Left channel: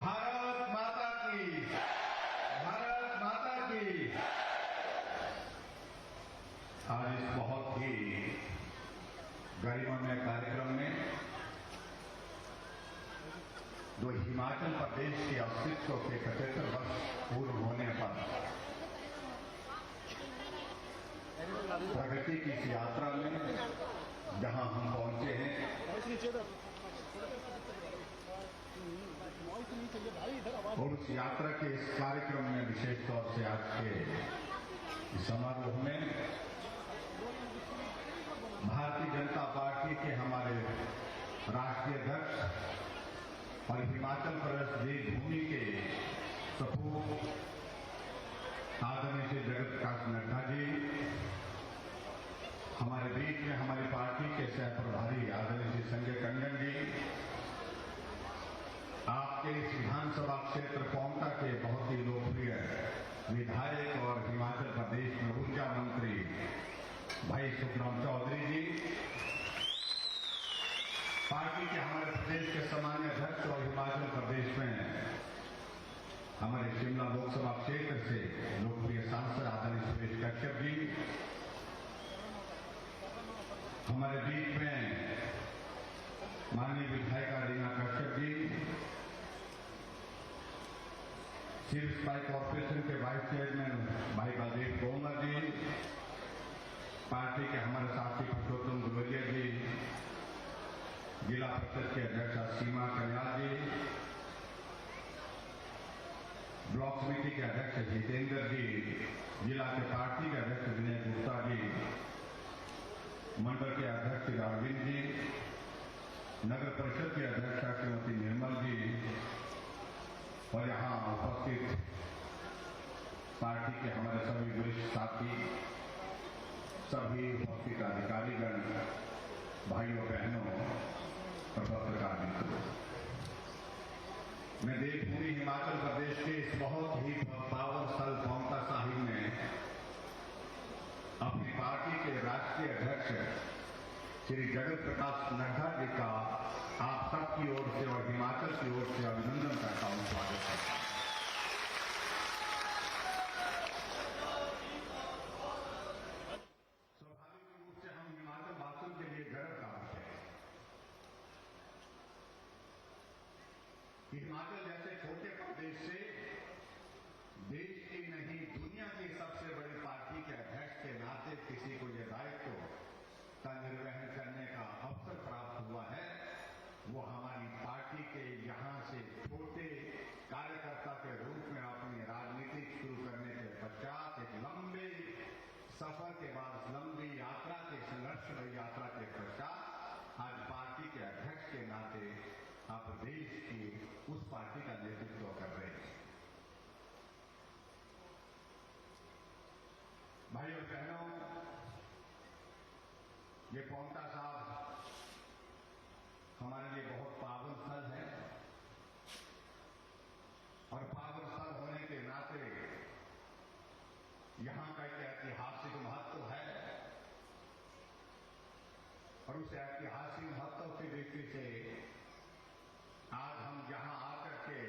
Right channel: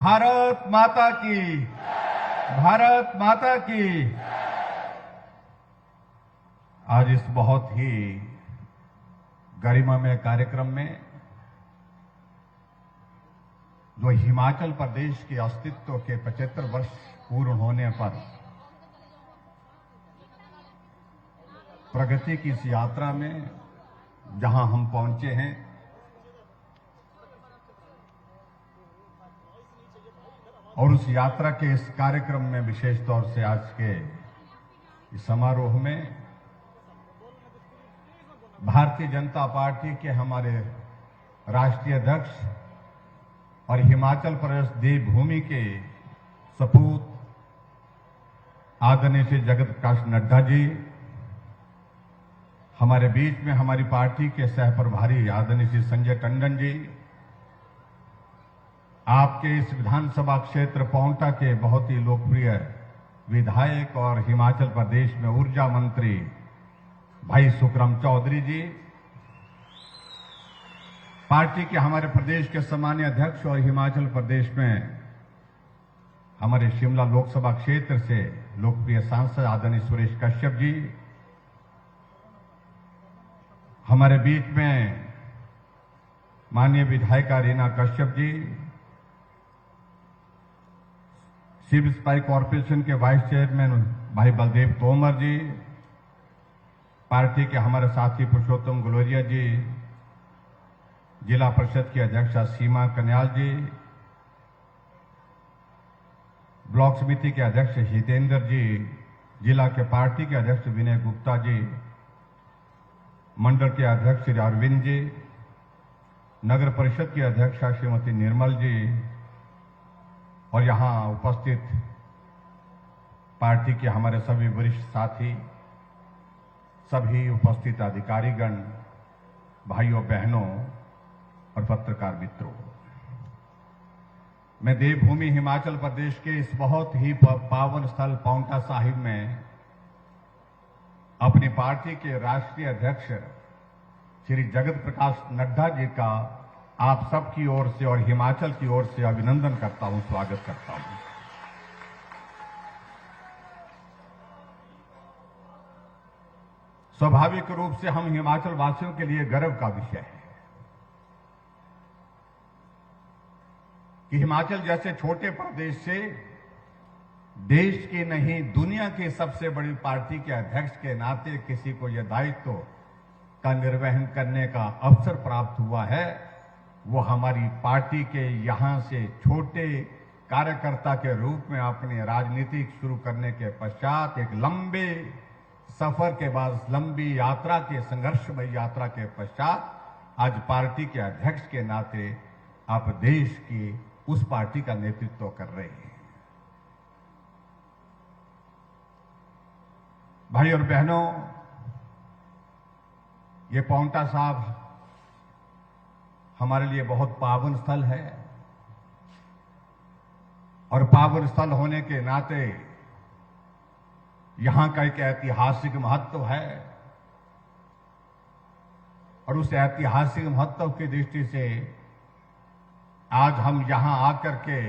भारत माता की, भारत माता की। आज इस बहुत ही गरिमामय कार्यक्रम में जो हिमाचल प्रदेश के अस्तित्व के 75 वर्ष पूर्ण होने पर प्रगति की इस यात्रा में जहां हम पहुंचे हैं, और उस यात्रा के इस कार्यक्रम में विशेष तौर से आज के समारोह में भारतीय जनता पार्टी के हमारे राष्ट्रीय अध्यक्ष और हिमाचल प्रदेश देवभूमि के सपूत आदरणीय श्री जगत प्रकाश नड्डा जी, हमारे बीच में हमारी पार्टी के सह प्रभारी आदरणीय श्री संजय टंडन जी, आपके इस विधानसभा क्षेत्र पांवटा के बहुत ही लोकप्रिय विधायक और हिमाचल प्रदेश में ऊर्जा मंत्री भाई सुखराम चौधरी जी, पार्टी के हमारे प्रदेश के सम्मानीय अध्यक्ष और हिमाचल प्रदेश में हमारे शिमला लोकसभा क्षेत्र से लोकप्रिय सांसद आदरणीय सुरेश कश्यप जी, हमारे बीच में माननीय विधायिका Reena Kashyap ji, civil supply corporation के वाइस चेयरमैन भाई बलदेव तोमर जी, पार्टी के हमारे साथी पुरुषोत्तम गलोरिया जी, जिला परिषद की अध्यक्षा सीमा कन्याल जी, ब्लॉक समिति के अध्यक्ष हितेंद्र जी, जिला के पार्टी के अध्यक्ष विनय गुप्ता जी, मंडल के अध्यक्ष श्री अरविंद जी, नगर परिषद की अध्यक्षा श्रीमती निर्मल जी, और यहाँ उपस्थित पार्टी के हमारे सभी वरिष्ठ साथी, सभी उपस्थित अधिकारीगण, भाइयों बहनों और पत्रकार मित्रों, मैं देवभूमि हिमाचल प्रदेश के इस बहुत ही पावन स्थल पांवटा साहिब में अपनी पार्टी के राष्ट्रीय अध्यक्ष श्री जगत प्रकाश नड्डा जी का आप सबकी ओर से और हिमाचल की ओर से अभिनंदन करता हूं, स्वागत करता हूं। स्वाभाविक रूप से हम हिमाचल वासियों के लिए गर्व का विषय है कि हिमाचल जैसे छोटे प्रदेश से देश की नहीं दुनिया की सबसे बड़ी पार्टी के अध्यक्ष के नाते किसी को यह दायित्व का निर्वहन करने का अवसर प्राप्त हुआ है, वो हमारी पार्टी के यहां से छोटे कार्यकर्ता के रूप में अपनी राजनीति शुरू करने के पश्चात एक लंबे सफर के बाद, लंबी यात्रा के संघर्षमय यात्रा के पश्चात आज पार्टी के अध्यक्ष के नाते आप देश की उस पार्टी का नेतृत्व कर रहे हैं। भाई और बहनों, ये पांवटा साहब हमारे लिए बहुत पावन स्थल है, और पावन स्थल होने के नाते यहां का एक ऐतिहासिक महत्व है, और उस ऐतिहासिक महत्व की दृष्टि से आज हम यहां आकर के,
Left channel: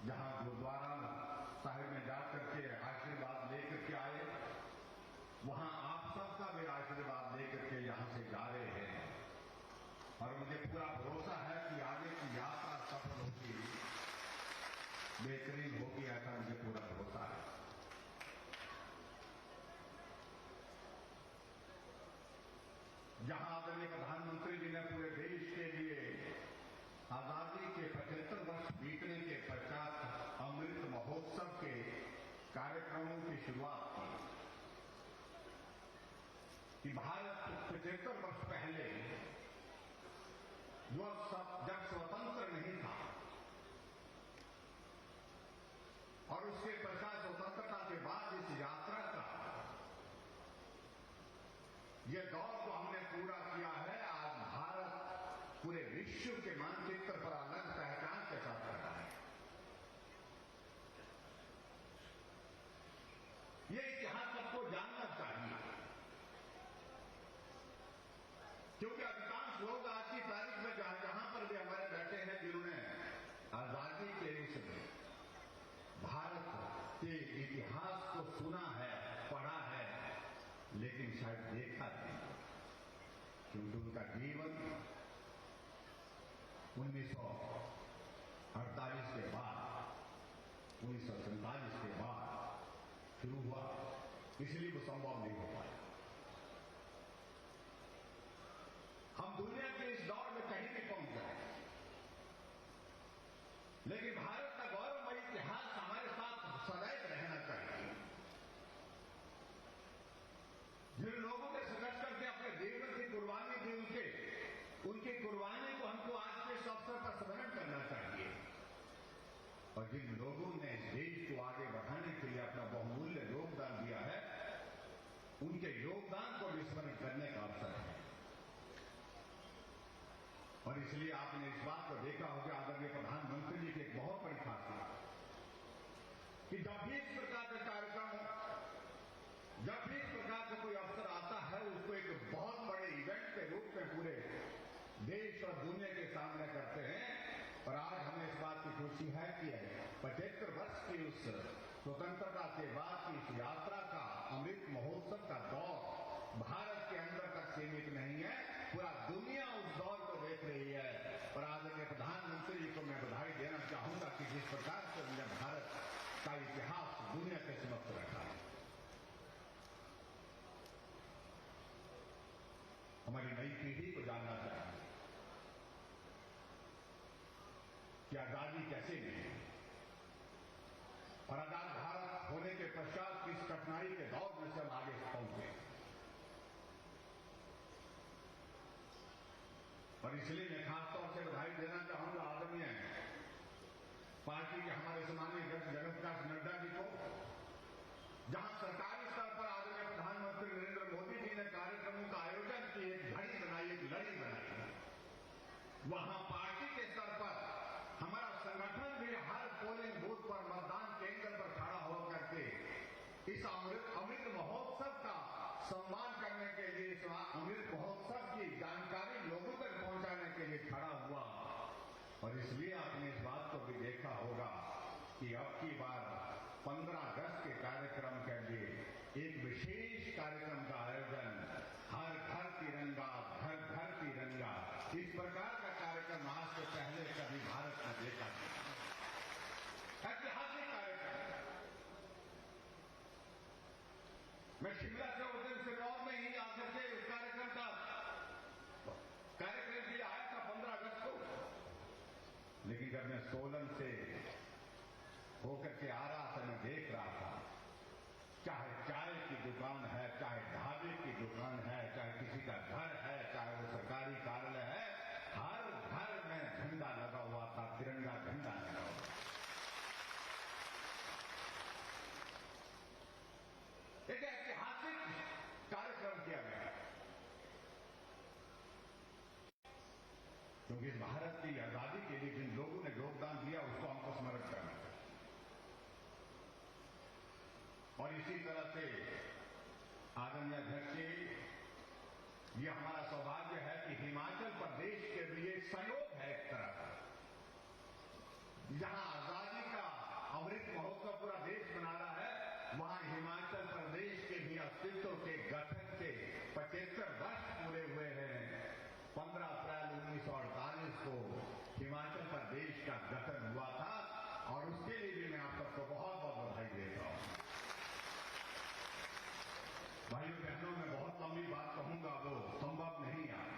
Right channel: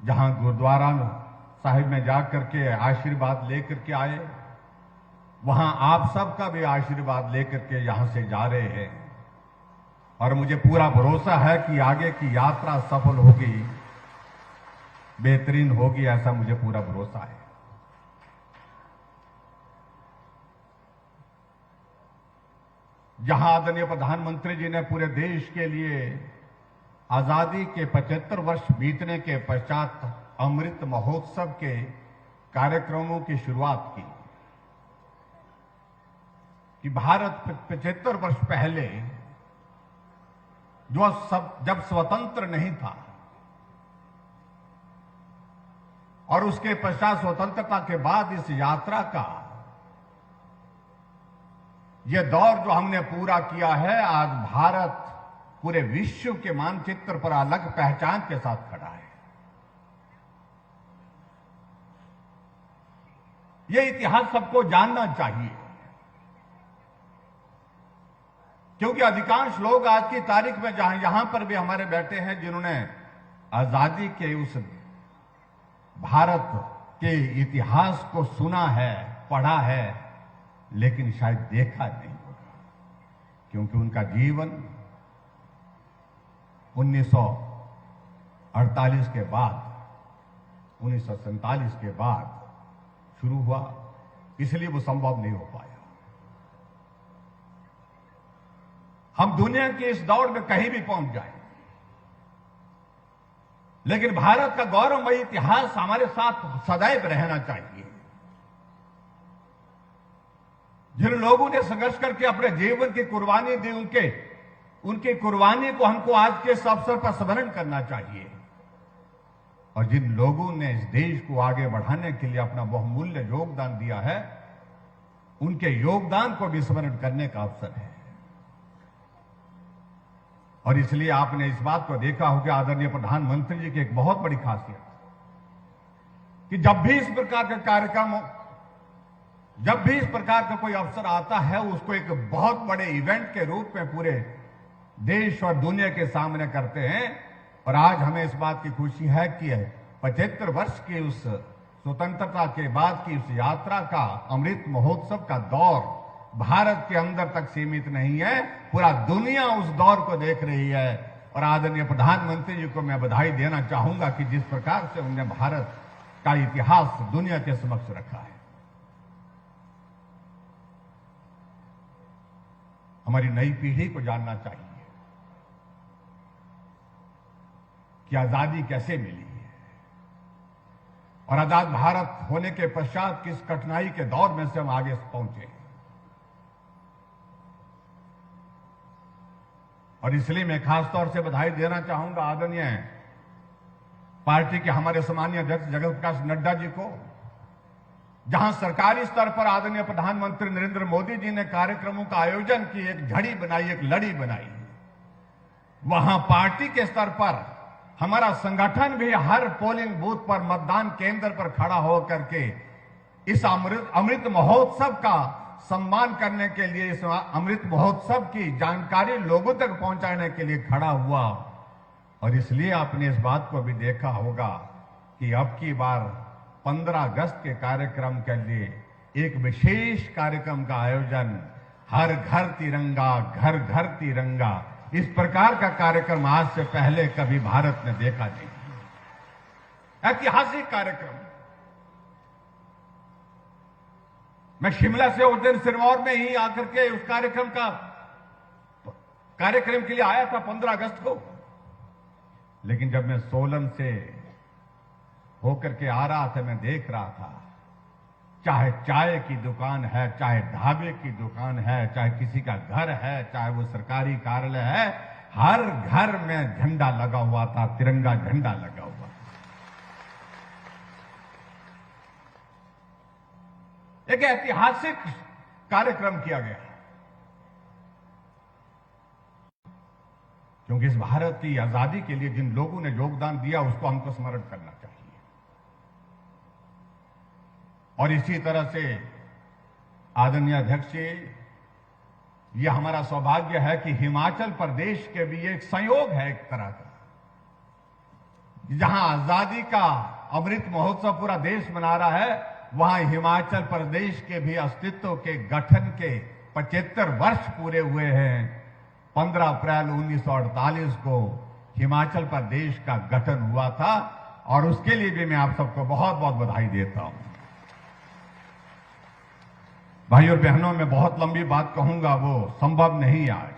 जहां गुरुद्वारा साहिब में जाकर के आशीर्वाद लेकर के आए, वहां आप सबका भी आशीर्वाद लेकर के यहां से जा रहे हैं, और मुझे पूरा भरोसा है कि आगे की यात्रा सफल होगी, बेहतरीन होगी, ऐसा मुझे पूरा भरोसा है। जहां आदरणीय प्रधानमंत्री जी ने पूरे देश के लिए आजादी के 75 वर्ष बीतने के पश्चात अमृत महोत्सव के कार्यक्रमों की शुरुआत की, कि भारत 75 वर्ष पहले जब स्वतंत्र नहीं था, और उसके पश्चात स्वतंत्रता के बाद इस यात्रा का यह दौर जो हमने पूरा किया है, आज भारत पूरे विश्व के मानचित्र पर अलग पहचान के साथ खड़ा है। यह इतिहास सबको जानना चाहिए, क्योंकि अधिकांश लोग आज की तारीख में जहां यहां पर भी हमारे बैठे हैं, जिन्होंने आजादी के उस भारत के इतिहास को सुना है, पढ़ा है, लेकिन शायद देखा नहीं, क्योंकि उनका जीवन 1948 के बाद, 1947 के बाद शुरू हुआ, इसलिए वो संभव नहीं हो पाया। हम दुनिया के इस दौर में कहीं भी पहुंच जाए, लेकिन भारत का गौरवमयी इतिहास हमारे साथ सदैव रहना चाहिए। जिन लोगों ने संघर्ष करके अपने जीवन की कुर्बानी दी, उनकी कुर्बानी को हमको आज के इस अवसर पर स्मरण करना चाहिए। और जिन लोगों ने इस देश को आगे बढ़ाने के लिए अपना बहुमूल्य योगदान दिया है, उनके योगदान को भी स्मरण करने का अवसर है। और इसलिए आपने इस बात को देखा होगा, आदरणीय प्रधानमंत्री जी की एक बहुत बड़ी खासियत कि जब भी इस प्रकार का कार्यक्रम हो, जब भी इस प्रकार का कोई अवसर आता है, उसको एक बहुत बड़े इवेंट के रूप में पूरे देश और दुनिया के सामने करते हैं। और आज हमें इस बात की खुशी है कि 75 वर्ष की उस स्वतंत्रता के बाद की उस यात्रा का, अमृत महोत्सव का दौर भारत के अंदर तक सीमित नहीं है, पूरा दुनिया उस दौर को देख रही है। और आदरणीय प्रधानमंत्री जी को मैं बधाई देना चाहूंगा कि जिस प्रकार से उन्होंने भारत का इतिहास दुनिया के समक्ष रखा है। हमारी नई पीढ़ी को जानना चाहिए कि आजादी कैसे मिली और आजाद भारत होने के पश्चात किस कठिनाई के दौर में से हम आगे पहुंचे। और इसलिए मैं खासतौर से बधाई देना चाहूंगा आदरणीय पार्टी के हमारे सम्मानीय अध्यक्ष जगत प्रकाश नड्डा जी को, जहां सरकारी स्तर पर आदरणीय प्रधानमंत्री नरेंद्र मोदी जी ने कार्यक्रमों का आयोजन की एक झड़ी बनाई, एक लड़ी बनाई, वहां पार्टी के स्तर पर हमारा संगठन भी हर पोलिंग बूथ पर, मतदान केंद्र पर खड़ा होकर के इस अमृत महोत्सव का सम्मान करने के लिए, इस अमृत महोत्सव की जानकारी लोगों तक पहुंचाने के लिए खड़ा हुआ। और इसलिए आपने इस बात को भी देखा होगा कि अब की बार 15 अगस्त के कार्यक्रम के लिए एक विशेष कार्यक्रम का आयोजन, हर घर तिरंगा, घर घर तिरंगा, इस प्रकार का कार्यक्रम आज से पहले कभी भारत ने देखा नहीं। ऐतिहासिक कार्यक्रम। मैं शिमला से उस दिन सिरमौर में ही आकर के उस कार्यक्रम के लिए आया था 15 अगस्त को, लेकिन जब मैं सोलन से होकर के आ रहा था, मैं देख रहा था, चाहे चाय की दुकान है, चाहे ढाबे की दुकान है, चाहे किसी का घर है, चाहे वो सरकारी कार्यालय है, हर घर में झंडा लगा हुआ था, तिरंगा झंडा लगा हुआ। एक ऐतिहासिक कार्यक्रम किया गया, क्योंकि इस भारत की आजादी के लिए जिन लोगों ने योगदान दिया, उसको हमको स्मरण करना चाहिए। और इसी तरह से आदरणीय अध्यक्ष जी, यह हमारा सौभाग्य है कि हिमाचल प्रदेश के भी एक संयोग है एक तरह का, जहां आजादी का अमृत महोत्सव पूरा देश मना रहा है, वहां हिमाचल प्रदेश के भी अस्तित्व के गठन के 75 वर्ष पूरे हुए हैं। 15 अप्रैल 1948 को हिमाचल प्रदेश का गठन हुआ था, और उसके लिए भी मैं आप सबको बहुत बहुत बधाई देता हूं। भाई और बहनों, मैं बहुत लंबी बात कहूंगा, वो संभव नहीं आज,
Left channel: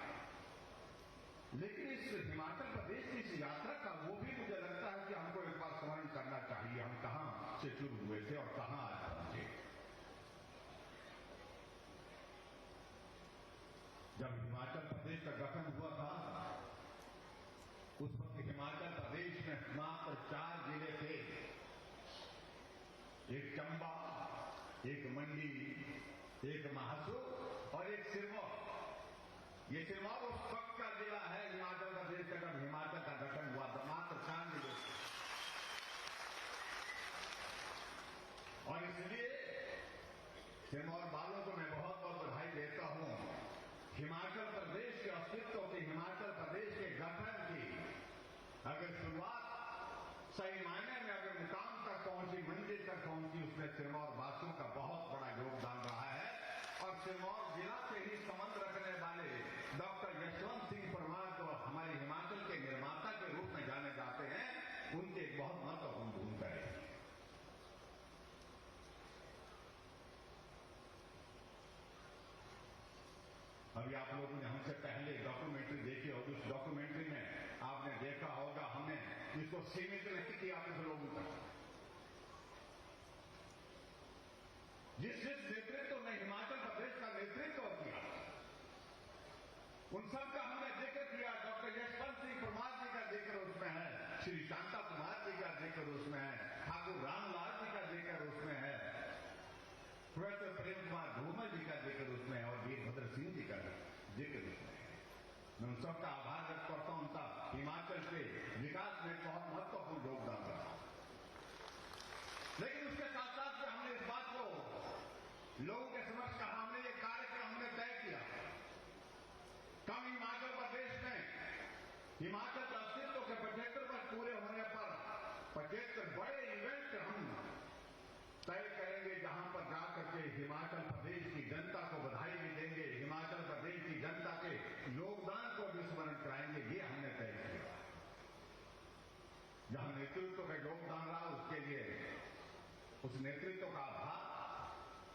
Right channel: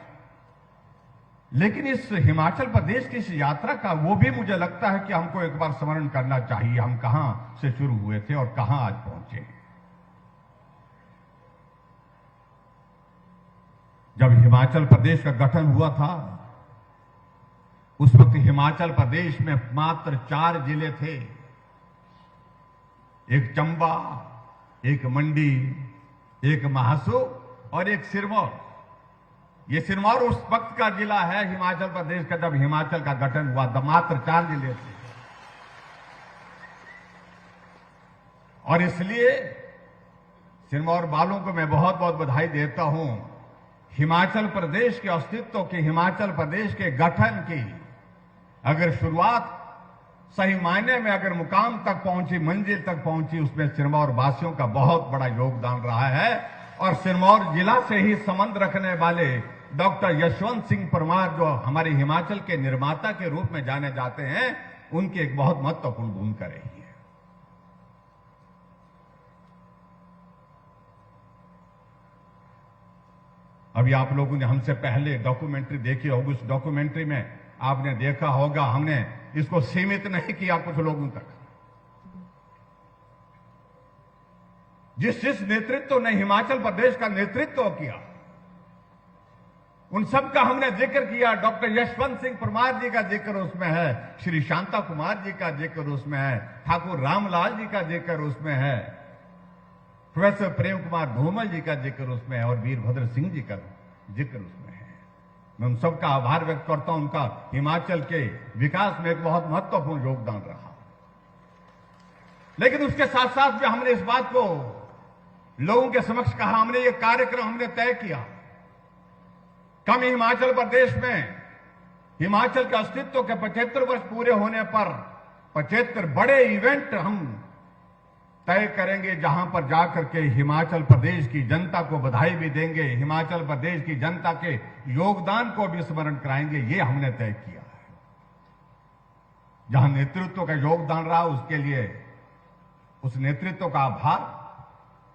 लेकिन इस हिमाचल प्रदेश की इस यात्रा का वो भी मुझे लगता है कि हमको एक बार स्मरण करना चाहिए। हम कहां से शुरू हुए थे और कहां आज पहुंचे। जब हिमाचल प्रदेश का गठन हुआ था, उस वक्त हिमाचल प्रदेश में मात्र 4 जिले थे, एक चंबा, एक मंडी, एक महासू और एक सिरमौर। ये सिरमौर उस वक्त का जिला है हिमाचल प्रदेश का, जब हिमाचल का गठन हुआ था। मात्र 4 जिले थे, और इसलिए सिरमौर वालों को मैं बहुत बहुत बधाई देता हूं। हिमाचल प्रदेश के अस्तित्व की, हिमाचल प्रदेश के गठन की अगर शुरुआत सही मायने में अगर मुकाम तक पहुंची, मंजिल तक पहुंची, उसमें सिरमौर वासियों का बहुत बड़ा योगदान रहा है। और सिरमौर जिला से ही संबंध रखने वाले डॉक्टर यशवंत सिंह परमार, जो हमारे हिमाचल के निर्माता के रूप में जाने जाते हैं, उनकी एक बहुत महत्वपूर्ण भूमिका रही है। अभी आप लोगों ने हमसे पहले डॉक्यूमेंट्री देखी होगी। उस डॉक्यूमेंट्री में आपने देखा होगा, हमने इसको सीमित नहीं किया कुछ लोगों तक। जिस नेतृत्व ने हिमाचल प्रदेश का नेतृत्व किया, उन सब का हमने जिक्र किया। डॉक्टर यशवंत सिंह परमार जी का जिक्र उसमें है, श्री शांता कुमार जी का जिक्र उसमें है, ठाकुर रामलाल जी का जिक्र उसमें है, प्रोफेसर प्रेम कुमार धूमल जी का जिक्र उसमें है, और वीरभद्र सिंह जी का जिक्र उसमें है। मैं उन सबका आभार व्यक्त करता हूं। उनका हिमाचल के विकास में एक बहुत महत्वपूर्ण योगदान रहा। लेकिन उसके साथ साथ में हमने इस बात को लोगों के समक्ष कहा, हमने ये कार्यक्रम हमने तय किया, कम हिमाचल प्रदेश में हिमाचल के अस्तित्व के 75 वर्ष पूरे होने पर 75 बड़े इवेंट हम तय करेंगे, जहां पर जाकर के हिमाचल प्रदेश की जनता को बधाई भी देंगे, हिमाचल प्रदेश की जनता के योगदान को भी स्मरण कराएंगे। ये हमने तय किया। जहां नेतृत्व का योगदान रहा, उसके लिए उस नेतृत्व का आभार।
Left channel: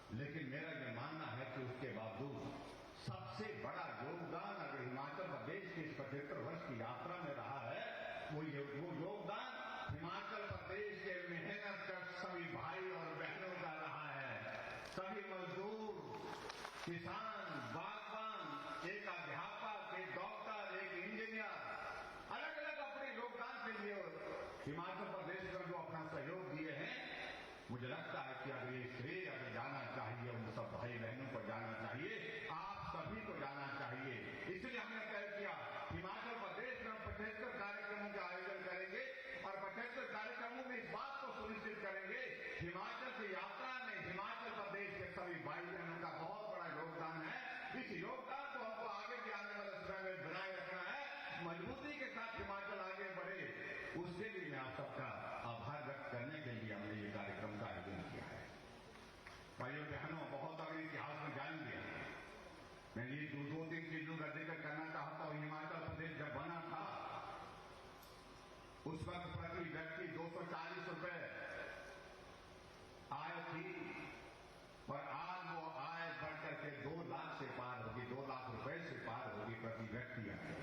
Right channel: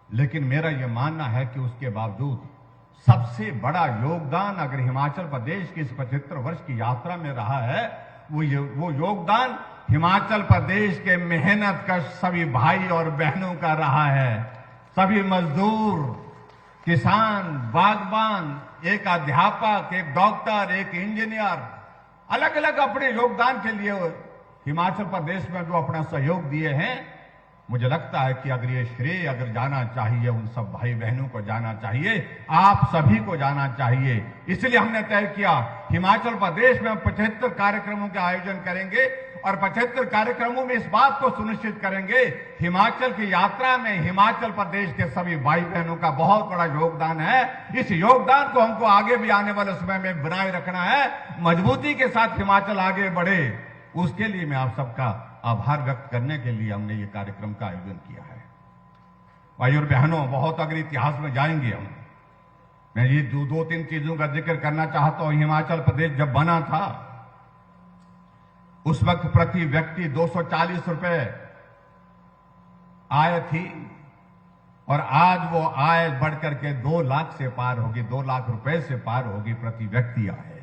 लेकिन मेरा यह मानना है कि उसके बावजूद सबसे बड़ा योगदान अगर हिमाचल प्रदेश की इस 75 वर्ष की यात्रा में रहा है, वो योगदान हिमाचल प्रदेश के मेहनतकश सभी भाई और बहनों का रहा है। सभी मजदूर, किसान, बागबान, एक अध्यापक, एक डॉक्टर, एक इंजीनियर, अलग अलग अपने योगदान के लिए हिमाचल प्रदेश में जो अपना सहयोग दिए हैं, मुझे लगता है कि अगर ये श्रेय अगर जाना चाहिए, उन सब भाई बहनों को जाना चाहिए, आप सभी को जाना चाहिए। इसलिए हमने तय किया हिमाचल प्रदेश में हम 75 कार्यक्रमों का आयोजन करेंगे, और 75 कार्यक्रमों में इस बात को सुनिश्चित करेंगे, हिमाचल की यात्रा में हिमाचल प्रदेश के सभी भाई बहनों का बहुत बड़ा योगदान है। इस योगदान को हमको आगे भी आने वाले समय में बनाए रखना है, मजबूती के साथ हिमाचल आगे बढ़े। उसके लिए मैं आप सबका आभार व्यक्त करने के लिए हमने ये कार्यक्रम का आयोजन किया है। भाई और बहनों, बहुत अगर इतिहास में जाएंगे हम, मैं ये दो तीन चीजों का जिक्र करना चाहता हूं। हिमाचल प्रदेश जब बना था, उस वक्त प्रति व्यक्ति 240 रुपए आय थी, और आज वो आय बढ़कर के 2 लाख से पार होगी, 2 लाख रुपए से पार होगी प्रति व्यक्ति आय।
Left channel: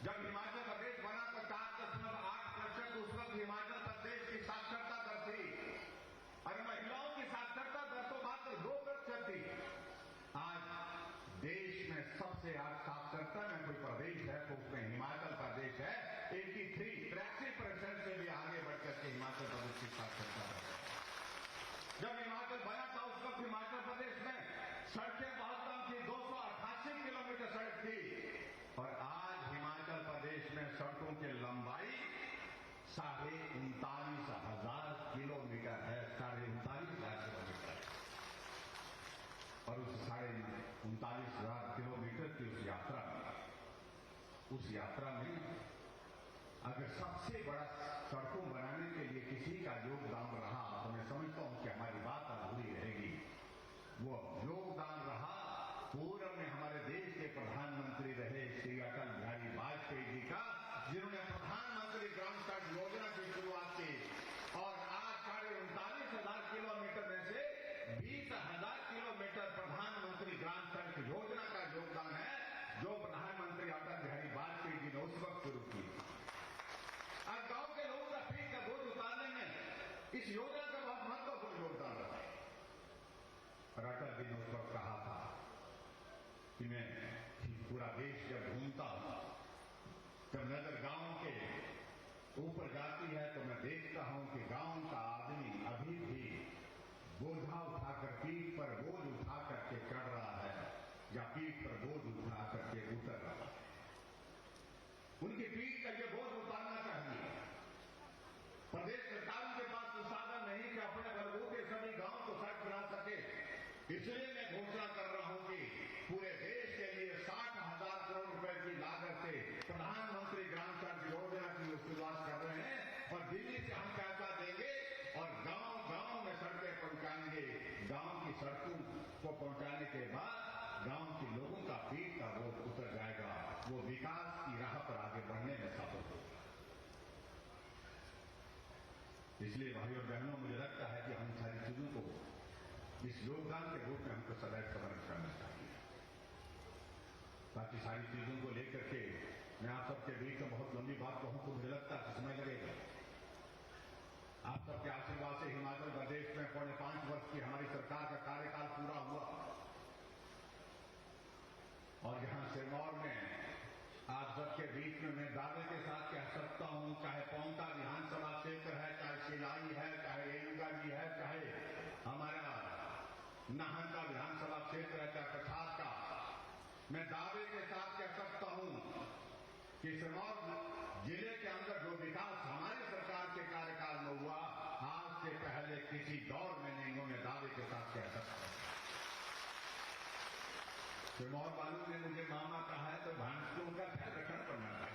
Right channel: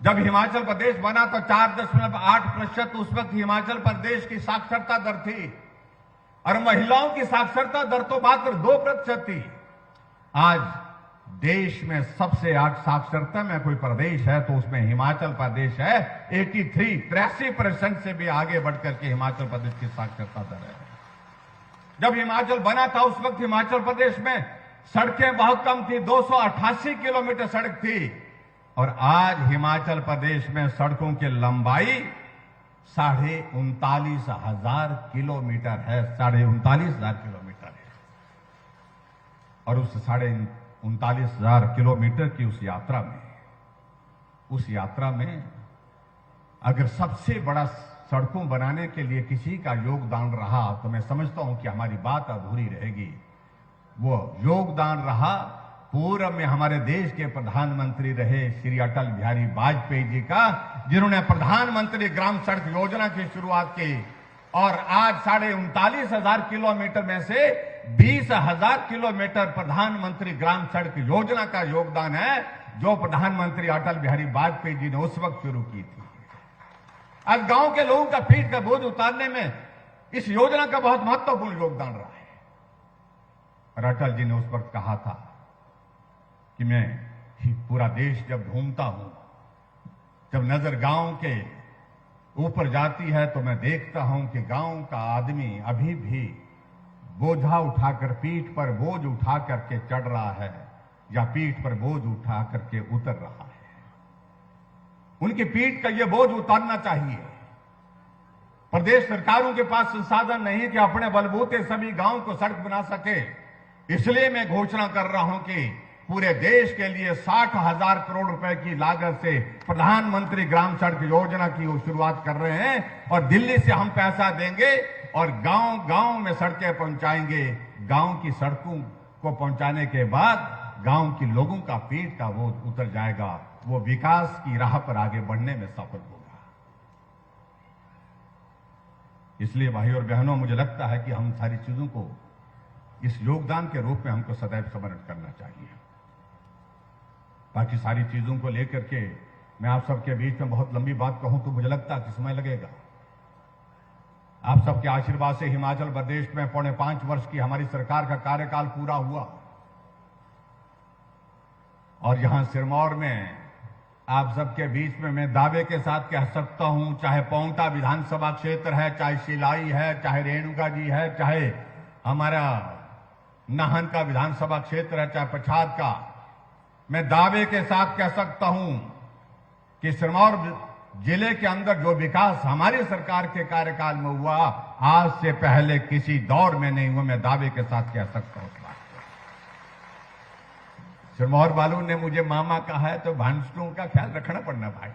जब हिमाचल प्रदेश बना तो 4.8% उस वक्त हिमाचल प्रदेश की साक्षरता दर थी, और महिलाओं की साक्षरता दर तो मात्र 2% थी। आज देश में सबसे साक्षरता में कोई प्रदेश है तो उसमें हिमाचल प्रदेश है। 83% से भी आगे बढ़कर के हिमाचल प्रदेश की साक्षरता दर है। जब हिमाचल बना था, उस वक्त हिमाचल प्रदेश में सड़कें बहुत कम थी, 288 किलोमीटर सड़क थी, और आज हिमाचल प्रदेश में सड़कों की लंबाई 39,500 किलोमीटर है, 39,500 किलोमीटर है। और उस 39,500 किलोमीटर की उस यात्रा में अगर सबसे बड़ा सड़कों बनाने के लिए किसी का योगदान रहा, तो मैं समझता हूं कि हमारी बात अधूरी रहेगी। वो योगदान रहा पूर्व में हमारे देश के प्रधानमंत्री रहे श्री अटल बिहारी वाजपेयी जी का, जिन्होंने प्रधानमंत्री ग्राम सड़क योजना की शुरुआत की, और आज 39,500 किलोमीटर में से 20,000 किलोमीटर प्रधानमंत्री ग्राम सड़क योजना का योगदान है, जो प्रधानमंत्री अटल बिहारी वाजपेयी जी ने उस वक्त शुरू की थी। आज गांव के लोगों का पीठ का बोझ उतारने में इस योजना का बहुत महत्वपूर्ण योगदान रहा है। और अटल जी ने उस वक्त कहा था कि मैं पूरा देश जब घूमता हूं, जब नजर गांव के ऊपर जाती है, तो मैं देखता हूं कि गांव का आदमी अभी भी बोझा उठाकर, पीठ पर बोझ उठा करके चढ़ रहा है, या पीठ पर बोझ उठा करके उतर रहा है। उनकी पीठ का यह बोझ उतारना चाहिए। प्रदेश सरकारों के पास संसाधन नहीं कि अपने बलबूते सभी गांव को सड़क बना सके। इसलिए मैं घोषणा कर रहा हूं कि पूरे देश के लिए 60,000 करोड़ रुपए की लागत से प्रधानमंत्री ग्राम सड़क योजना की वो शुरुआत कर रहे हैं और दिल्ली से हम पैसा देंगे और गांव-गांव में सड़कें पहुंचाएंगे। गांव की सड़कों को पहुंचाने के बाद गांव के लोगों का पेट का बोझ उतर जाएगा, वो विकास की राह पर आगे बढ़ने में सफल होगा। इसलिए भाइयों और बहनों, मुझे लगता है कि हम सारी चीजों को इस योगदान के रूप में हमको सदैव स्मरण करना चाहिए। बाकी सारी चीजों को लेकर के मैं आप सबके बीच में बहुत लंबी बात कहूं तो मुझे लगता है कि समय लगेगा। आप सबके आशीर्वाद से हिमाचल प्रदेश में 4.5 वर्ष की हमारी सरकार का कार्यकाल पूरा हुआ और यहां सिरमौर में आप सबके बीच में मैं दावे के साथ कह सकता हूं, चाहे पांवटा विधानसभा क्षेत्र है, चाहे शिलाई है, चाहे रेणुका जी है, चाहे हमारा नाहन का विधानसभा क्षेत्र है, चाहे पछाद का, मैं दावे के साथ कह सकता हूं कि सिरमौर जिले के अंदर जो विकास हमारी सरकार के कार्यकाल में हुआ, आज से पहले किसी दौर में नहीं हुआ। मैं दावे के साथ कह सकता हूं। सिरमौर वालों ने मुझे मामा कहा है तो भांसलों का ख्याल रखना पड़ना भाई।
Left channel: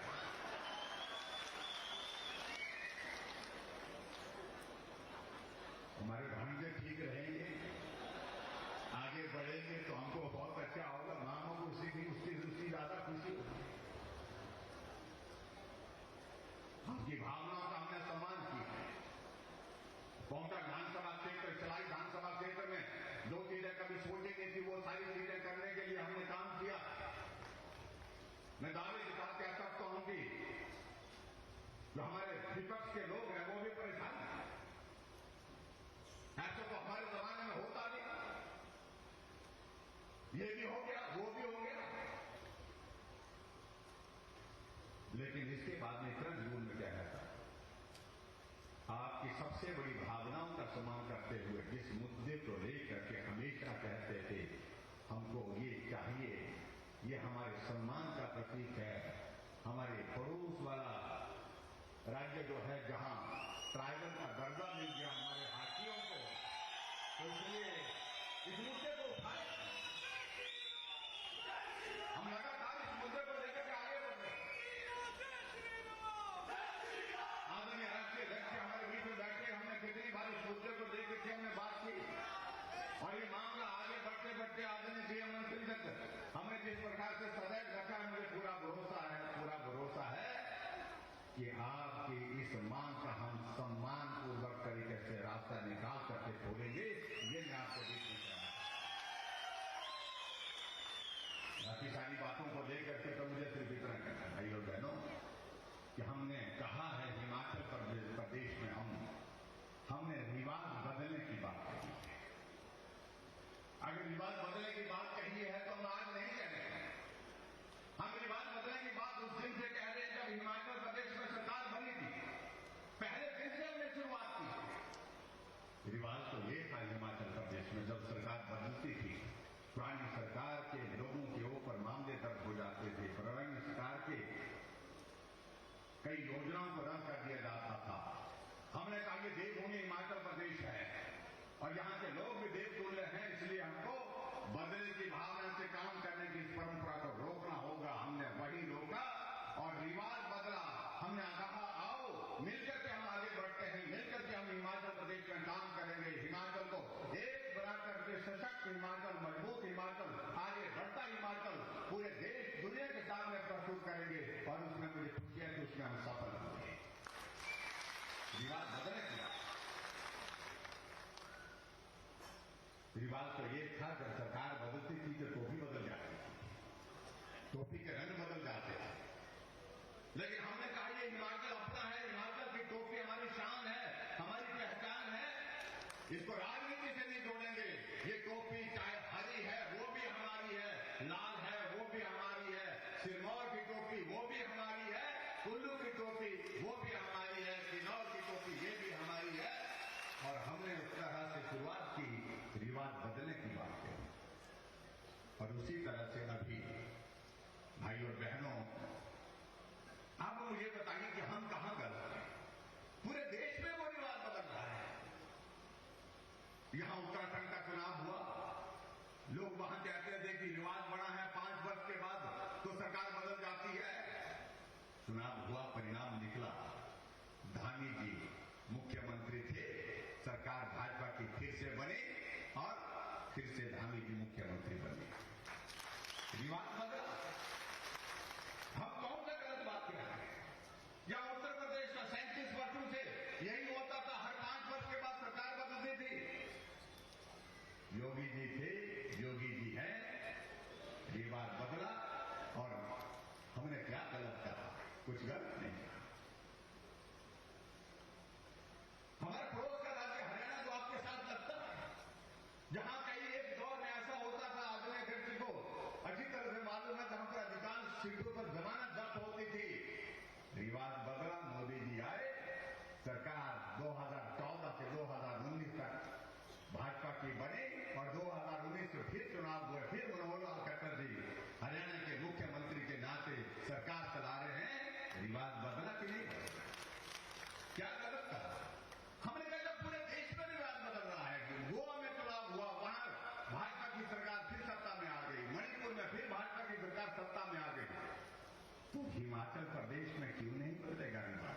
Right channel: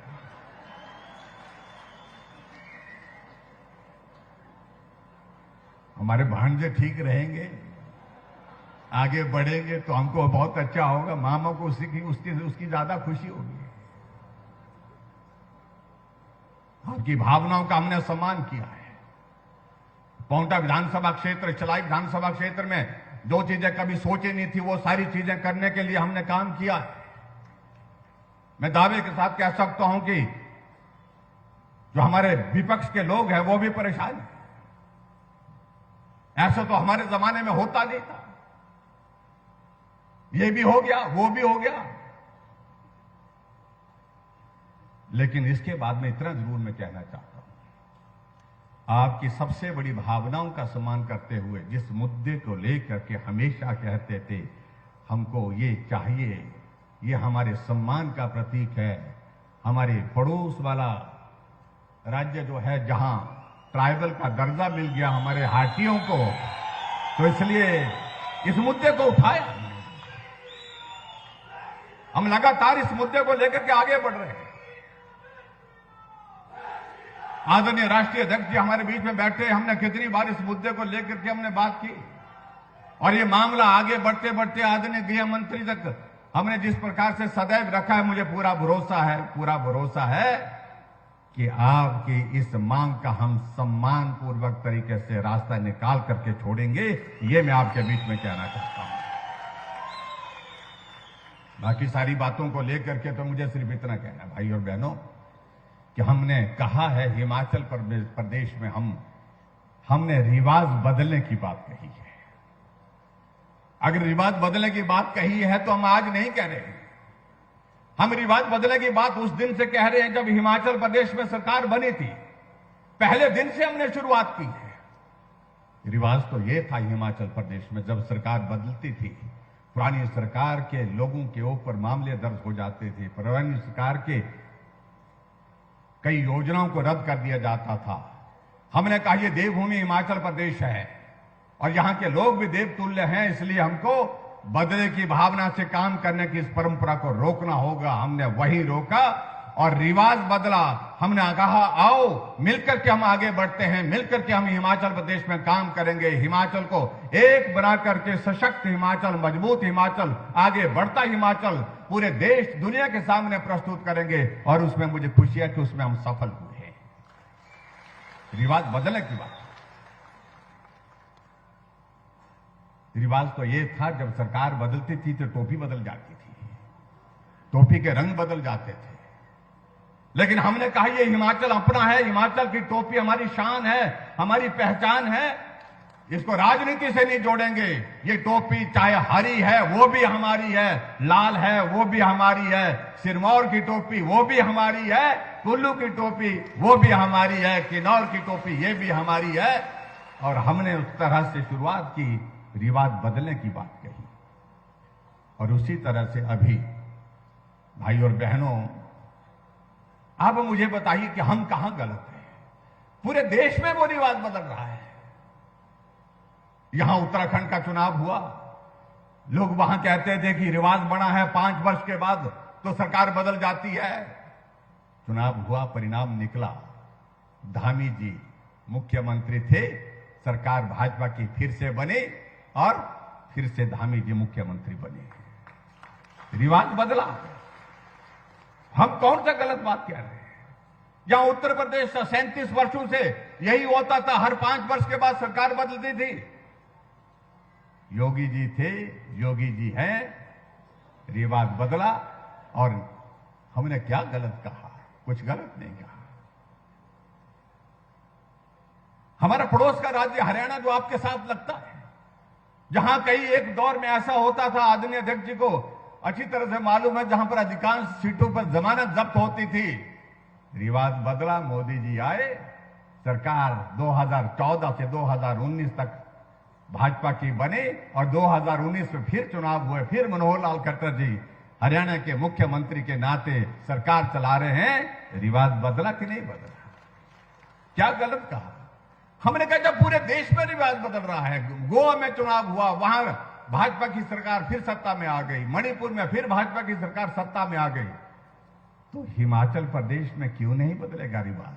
हमारे भांजे ठीक रहेंगे, आगे बढ़ेंगे तो हमको बहुत अच्छा होगा, मामा को उसकी ज्यादा खुशी होगी। आपकी भावनाओं का हमने सम्मान किया है। पांवटा विधानसभा क्षेत्र, चलाई विधानसभा क्षेत्र में जो चीजें कभी सोची नहीं थी, वो सारी चीजें करने के लिए हमने काम किया। मैं दावे के साथ कह सकता हूं कि जो हमारे विपक्ष के लोग हैं वो भी परेशान हैं। ऐसा तो हमारे जमाने में होता नहीं था। ये भी हो गया, वो भी हो गया। लेकिन इसके बाद में इतना जरूर मैं कहना चाहता हूं, आपकी सबसे बड़ी भावनाओं का सम्मान करते हुए जिस मुद्दे को लेकर के हमेशा कहते थे हमको ये चाहिए, ये हमारे सम्मान का प्रतीक है। हमारे पड़ोस वाला राज्य जो है, जहां ट्राइबल का दर्जा मिल गया हमारे हाटियों को, तो इसलिए इस मुद्दे को उठाया। हम लगातार इस मुद्दे को लेकर के आगे बढ़ रहे हैं। आदरणीय राष्ट्रीय अध्यक्ष जी हमारे बीच में बैठे, हमने कितनी बार इस मुद्दे को लेकर के हमने बात की और ये मामला आगे बढ़ते बढ़ते आदरणीय गृह मंत्री तक हमने जिस प्रकार से सदैव रखा है, मुझे पूरा भरोसा है कि आपकी इस मांग का हम सम्मान पूर्वक तरीके से रास्ता निकाल करके छोड़ेंगे। ये मैं आपके बीच में कहना चाहता हूं। बाकी सारी बातों को लेकर के तो मुझे सिर्फ इतना कहना है भाई और बहनों कि हमने कहा है हिमाचल प्रदेश में हमने रिवाज बदलने की बात कही है। अगर रिवाज बदलने की बात कही है तो हम आज नहीं कह रहे। हम रिवाज बदलने की बात उस दिन से कह रहे हैं जब हिमाचल प्रदेश में सरकार बनी थी। पहले दिन से हमने शुरुआत की है। रिवाज तो ये था हिमाचल प्रदेश में, जब सरकार बदलती थी, पुरानी सरकार के लोगों के ऊपर मामले दर्ज हो जाते थे, पुरानी सरकार के कई योजनाओं को रद्द कर दिया जाता था। हमने कहा ये देवभूमि हिमाचल प्रदेश है और यहां के लोग भी देवतुल्य हैं, इसलिए हमको बदले की भावना से काम करने की इस परंपरा को रोकना होगा। हमने वही रोका और रिवाज बदला। हमने कहा आओ मिलकर के हम आगे बढ़ते हैं, मिलकर के हम हिमाचल प्रदेश में काम करेंगे, हिमाचल को एक बना करके सशक्त हिमाचल, मजबूत हिमाचल, आगे बढ़ता हिमाचल पूरे देश दुनिया के सामने प्रस्तुत करेंगे और उसमें मुझे खुशी है कि उसमें हम सफल हुए। रिवाज बदलने की बात, रिवाज तो ये था जब सरकार बदलती थी तो टोपी बदल जाती थी, टोपी के रंग बदल जाते थे। लेकिन हमने कहा ये हिमाचल अपना है, हिमाचल की टोपी हमारी शान है, हमारी पहचान है, इसको राजनीति से नहीं जोड़ेंगे। ये टोपी चाहे हरी है वो भी हमारी है, लाल है वो भी हमारी है, सिरमौर की टोपी वो भी हमारी है, कुल्लू की टोपी वो भी हमारी है, किन्नौर की टोपी ये भी हमारी है। और हमने उस तरह से शुरुआत की, रिवाज बदलने की बात कही। और उसी तरह से अभी भाई और बहनों, आप मुझे बताइए कि हम कहां गलत हैं? पूरे देश में वो रिवाज बदल रहा है। यहां उत्तराखंड का चुनाव हुआ, लोग वहां कहते थे कि रिवाज बना है 5 वर्ष के बाद तो सरकार बदल जाती है। चुनाव हुआ, परिणाम निकला, धामी जी मुख्यमंत्री थे, सरकार भाजपा की फिर से बनी और फिर से धामी जी मुख्यमंत्री बने। रिवाज बदला। हम कौन सा गलत बात कह रहे हैं? जहां उत्तर प्रदेश 37 वर्षों से यही होता था, हर 5 वर्ष के बाद सरकार बदलती थी। योगी जी थे, योगी जी हैं, रिवाज बदला और हमने क्या गलत कहा? कुछ गलत नहीं कहा। हमारा पड़ोस का राज्य हरियाणा जो आपके साथ लगता है, जहां कई एक दौर में ऐसा होता था, आदरणीय अध्यक्ष जी को अच्छी तरह से मालूम है, जहां पर अधिकांश सीटों पर जमानत जब्त होती थी। रिवाज बदला, मोदी जी आए, सरकार 2014 से 2019 तक भाजपा की बने और 2019 में फिर चुनाव हुए, फिर मनोहर लाल खट्टर जी हरियाणा के मुख्यमंत्री के नाते सरकार चला रहे हैं। रिवाज बदला कि नहीं बदला? क्या गलत कहा? हमने कहा जब पूरे देश में रिवाज बदल रहा है, गोवा में चुनाव हुआ, वहां भाजपा की सरकार फिर सत्ता में आ गई, मणिपुर में फिर भाजपा की सरकार सत्ता में आ गई, तो हिमाचल प्रदेश में क्यों नहीं बदलेगा रिवाज?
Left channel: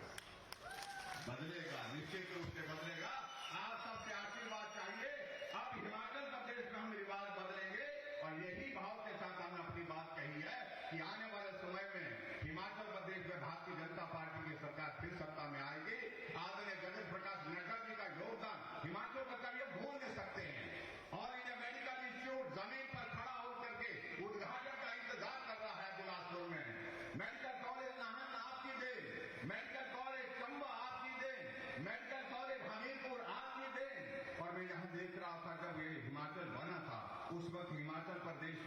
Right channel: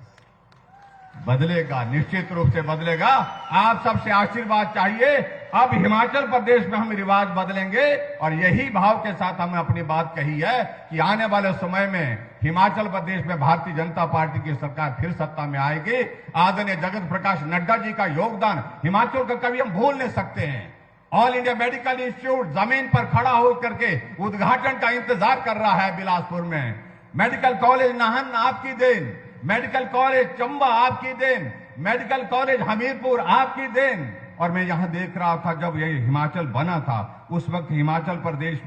बदलेगा, निश्चित रूप से बदलेगा। आप सबसे आशीर्वाद चाहिए। अब हिमाचल प्रदेश में हम रिवाज बदलेंगे और यही भाव के साथ हमने अपनी बात कही है कि आने वाले समय में हिमाचल प्रदेश में भारतीय जनता पार्टी की सरकार फिर सत्ता में आएगी। आदरणीय जगत प्रकाश नड्डा जी का योगदान हिमाचल का कभी हम भूल नहीं सकते हैं। ऑल इंडिया मेडिकल इंस्टीट्यूट जमीन पर खड़ा होकर के उद्घाटन का इंतजार कर रहा है बिलासपुर में। मेडिकल कॉलेज नाहन आपकी देन, मेडिकल कॉलेज चंबा आपकी देन, मेडिकल कॉलेज हमीरपुर आपकी देन। और मैं यहां देख रहा था जब ये हिमाचल बना था, उस वक्त हिमाचल प्रदेश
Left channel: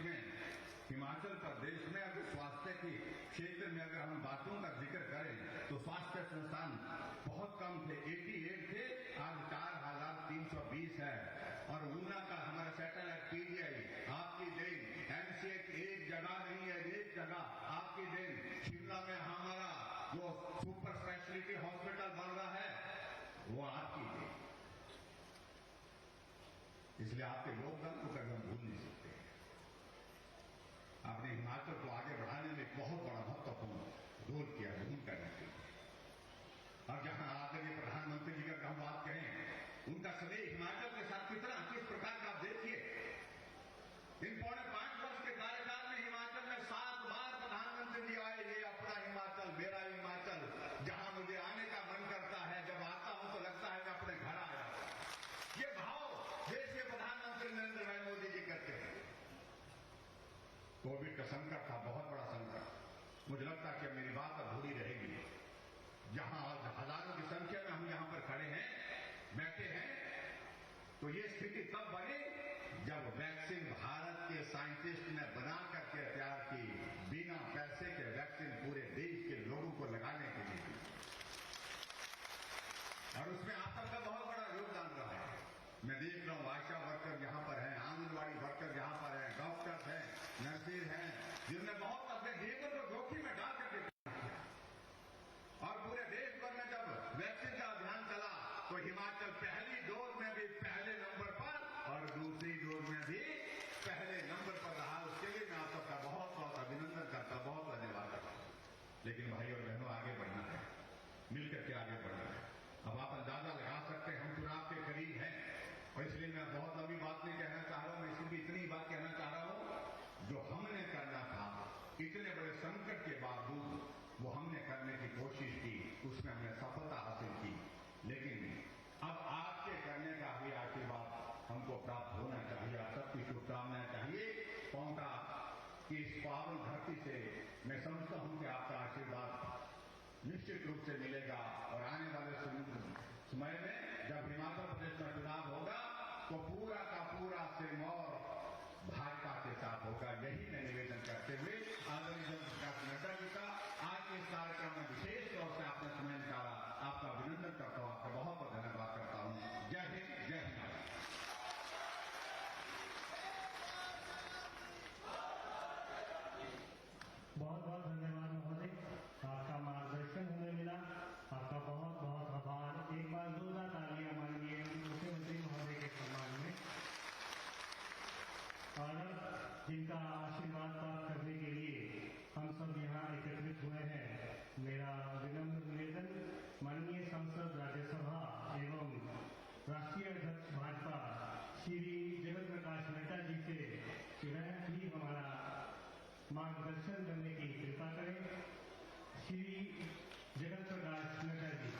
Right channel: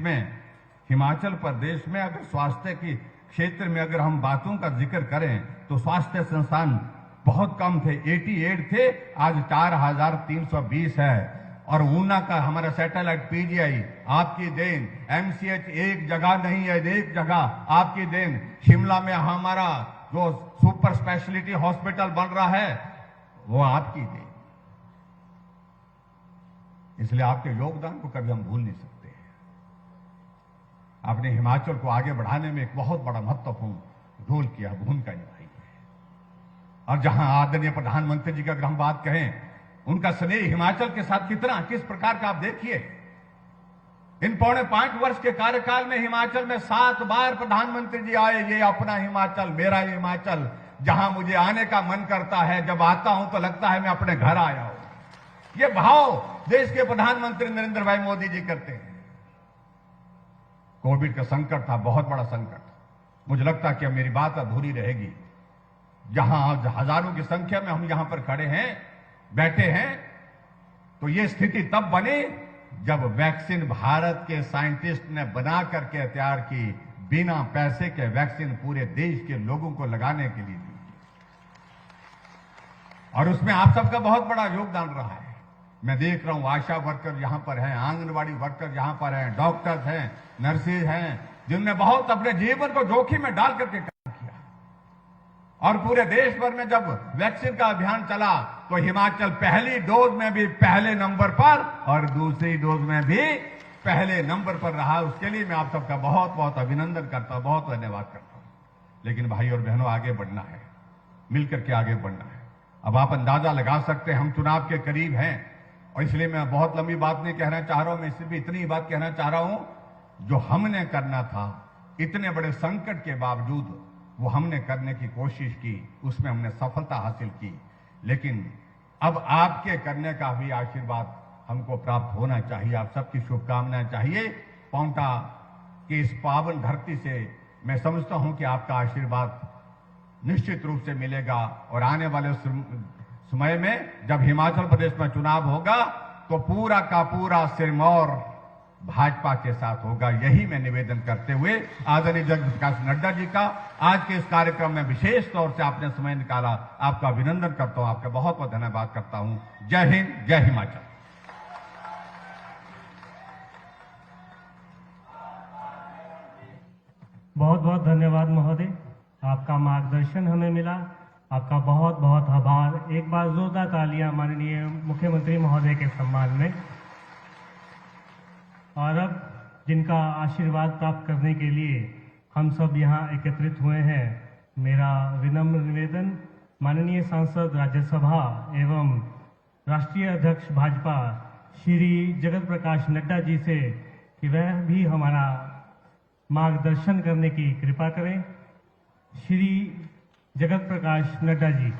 में अगर स्वास्थ्य के क्षेत्र में अगर हम बातों का जिक्र करें तो स्वास्थ्य संस्थान बहुत कम थे, 88 थे, आज 4320 है। और ऊना का हमारा सैटेलाइट पीजीआई आपकी देन, एमसीएच एक जगह नहीं है, एक जगह आपकी देन। शिमला में हमारा जो सुपर स्पेशलिटी हॉस्पिटल बन रहा है वो आपकी देन। इसलिए आपके योगदान को कभी हम भूल नहीं सकते। आपने हिमाचल को आगे बढ़ाने में एक बहुत बड़ा महत्वपूर्ण रोल किया, भूमिका निभाई। और जहां आदरणीय प्रधानमंत्री जी का अगर हम बात कहें, उनका स्नेह हिमाचल के साथ किस प्रकार का आप देखिए। इन 5.25 वर्ष के कार्यकाल में हिमाचल में 7 बार प्रधानमंत्री जी आए। ये अपना हिमाचल, मेरा हिमाचल, जहां मुझे आने का मन करता है, जब आता हूं तो लगता है मैं अपने घर आया हूं। ये भाव देश के प्रधानमंत्री नरेंद्र भाई मोदी जी करते हैं। कोविड का संकट था, बहुत बड़ा संकट। मुझे लगता है कि अब मेरी बात अधूरी रहेगी। जहां आज हजारों की संख्या में हम यहां पर खड़े हैं, बैठे हैं, तो ये स्थिति तब बनी जब वैक्सीन भारत के साइंटिस्ट ने बना करके तैयार की, बिना पैसे के वैक्सीन पूरे देश के लोगों को लगाने के लिए। और उसमें आप सबका बहुत बड़ा योगदान रहा है। मैं देख रहा हूं आशा वर्कर यहां पर हैं, आंगनबाड़ी वर्कर यहां पर हैं, डॉक्टर्स हैं, नर्सेज हैं, जिनने बहुत अपने जीवन को जोखिम में डाल करके काम किया। और पूरे देश भर में जब वैक्सीन का अभियान चला तो हिमाचल पहली डोज में भी पहले नंबर पर और दूसरी डोज में भी पहले नंबर पर रहा। उसके लिए मैं आप सबका बहुत बहुत अभिनंदन करता हूं, बहुत धन्यवाद करता हूं। लेकिन भाई और बहनों, आगे बढ़ना है, मिलकर के आगे बढ़ना है। अब आप अंदाजा लगा सकते हैं हम चुनाव के करीब हैं, और इसलिए मैं बहुत लंबी बात नहीं कहना चाह रहा हूं। मैं सिर्फ इतनी बात कहना चाह रहा हूं, जो हमने करना था इतने बड़े संकट के बावजूद वो हमने करने की कोशिश की, उसमें हमने सफलता हासिल की। लेकिन अब आपके करने का भी आशीर्वाद हमको प्राप्त होना चाहिए। आप सबकी शुभकामनाएं चाहिए। पांवटा की इस पावन धरती से मैं समझता हूं कि आपका आशीर्वाद निश्चित रूप से मिलेगा। और आने वाले समय में जब हिमाचल प्रदेश में चुनाव होगा तो पूरा का पूरा सिरमौर भाजपा के साथ होगा। यही मैं निवेदन करते हुए आदरणीय जगत प्रकाश नड्डा जी का आज के इस कार्यक्रम में विशेष तौर से आपने समय निकाला, आपका अभिनंदन करता हूं, आपका बहुत बहुत धन्यवाद करता हूं। जय हिंद, जय हिमाचल। बहुत बहुत धन्यवाद महोदय, आपका मार्गदर्शन हमें मिला, आपका बहुत बहुत आभार। एक बार जोरदार तालियां माननीय मुख्यमंत्री महोदय के सम्मान में। और अब जिनका आशीर्वाद प्राप्त करने के लिए हम सब यहाँ एकत्रित हुए हैं, मेरा विनम्र निवेदन माननीय सांसद राज्यसभा एवं राष्ट्रीय अध्यक्ष भाजपा श्री जगत प्रकाश नड्डा जी से कि वह भी हमारा मार्गदर्शन करने की कृपा करें। श्री जगत प्रकाश नड्डा जी।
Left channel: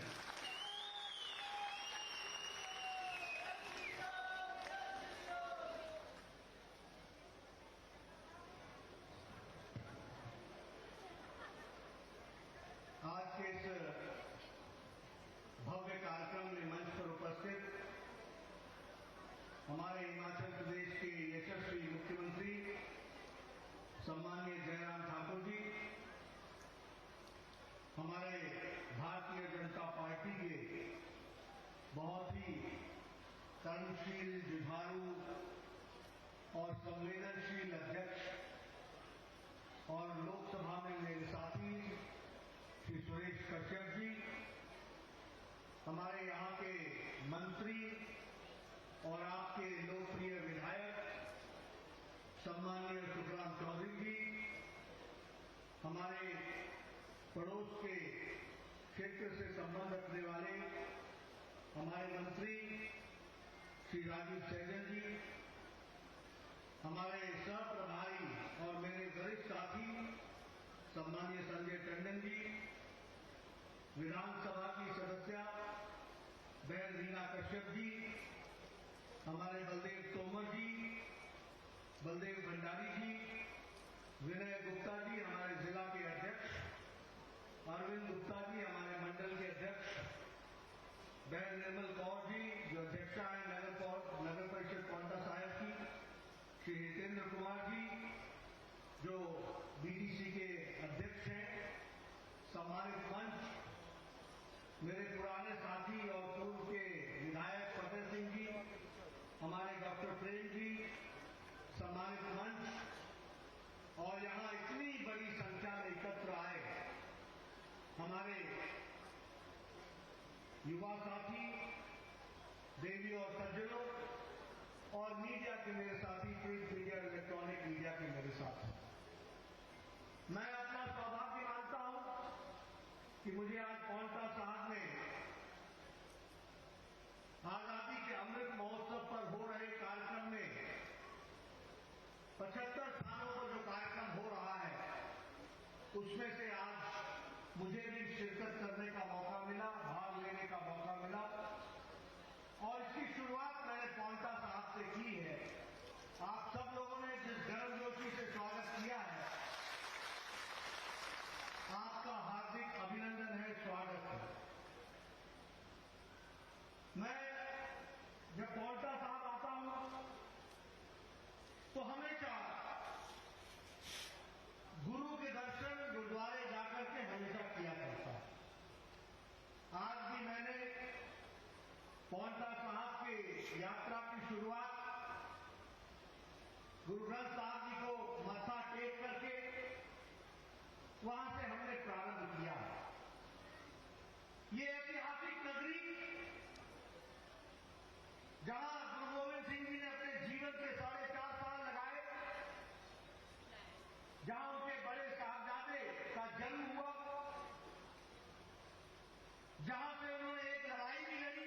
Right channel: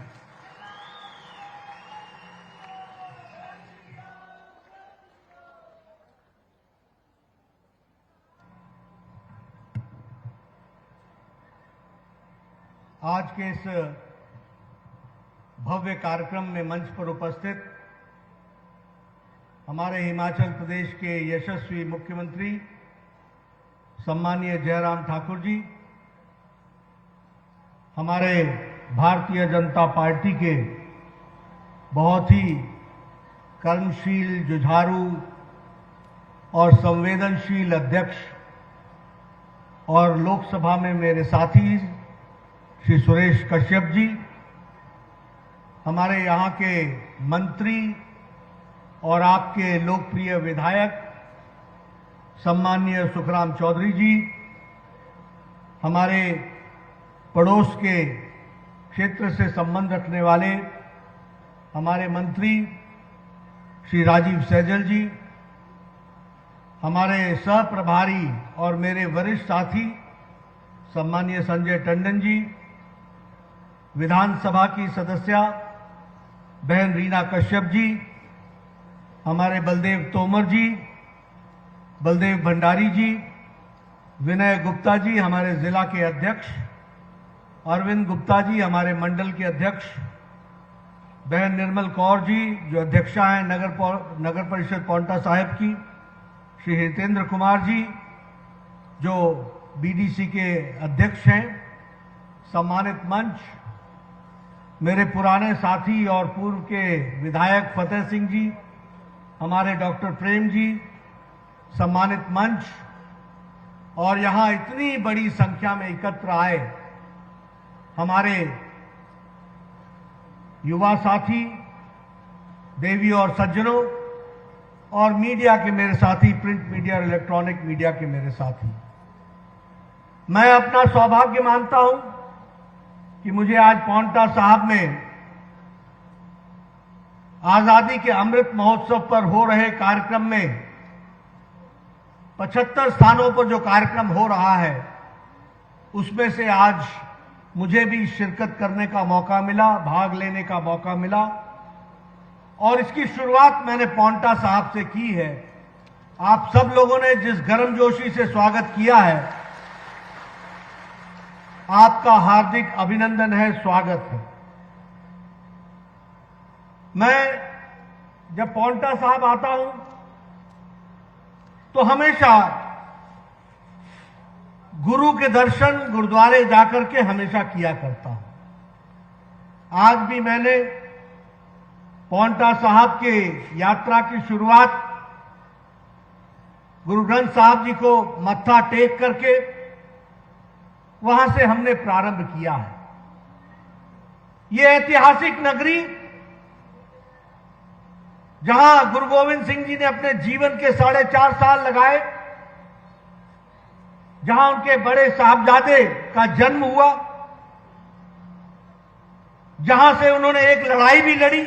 आज के इस भव्य कार्यक्रम में मंच पर उपस्थित हमारे हिमाचल प्रदेश के यशस्वी मुख्यमंत्री सम्मानीय जयराम ठाकुर जी, हमारे भारतीय जनता पार्टी के बहुत ही कर्मशील, जुझारू और संवेदनशील अध्यक्ष और लोकसभा में मेरे साथी श्री सुरेश कश्यप जी, हमारे यहाँ के मंत्री और आपके लोकप्रिय विधायक सम्मानीय सुखराम चौधरी जी, हमारे पड़ोस के क्षेत्र से संबंध रखने वाले हमारे मंत्री श्री राजीव सैजल जी, हमारे सह प्रभारी और मेरे वरिष्ठ साथी सम्मानीय संजय टंडन जी, विधानसभा की सदस्या बहन रीना कश्यप जी, हमारे बलदेव तोमर जी, बलदेव भंडारी जी, विनय गुप्ता जी, हमारे जिला के अध्यक्ष अरविंद गुप्ता जी, हमारे मंडल के अध्यक्ष बहन निर्मल कौर जी जो अध्यक्षा हैं नगर परिषद पांवटा साहिब की, श्री हितेंद्र कुमार जी जो बीडीसी के अध्यक्ष हैं, सम्मानित मंच, मेरे पुराने साथी और पूर्व के विधायक फतेह सिंह जी, हमारे डॉक्टर प्रेम जी, सम्मानित मंच और यहाँ इतनी बड़ी संख्या में एकत्र आए हमारे युवा साथी, देवी और सज्जनों और मीडिया के मेरे साथी, प्रिंट मीडिया और इलेक्ट्रॉनिक मीडिया के मेरे साथी, मैं अपना सौभाग्य मानता हूं कि मुझे आज पांवटा साहिब में आजादी के अमृत महोत्सव पर हो रहे कार्यक्रम में 75 स्थानों पर जो कार्यक्रम हो रहा है उसमें से आज मुझे भी शिरकत करने का मौका मिला, भाग लेने का मौका मिला और इसकी शुरुआत मैंने पांवटा साहिब से की है। आप सब लोगों ने जिस गर्मजोशी से स्वागत किया है, आपका हार्दिक अभिनंदन है, स्वागत है। मैं जब पांवटा साहिब आता हूं तो हमेशा गुरु के दर्शन गुरुद्वारे जाकर के हमेशा किया करता हूं। आज भी मैंने पांवटा साहिब के यात्रा की शुरुआत गुरु ग्रंथ साहिब जी को मत्था टेक करके वहां से हमने प्रारंभ किया है। यह ऐतिहासिक नगरी जहां गुरु गोविंद सिंह जी ने अपने जीवन के 4.5 साल लगाए, जहां उनके बड़े साहबजादे का जन्म हुआ, जहां से उन्होंने एक लड़ाई भी लड़ी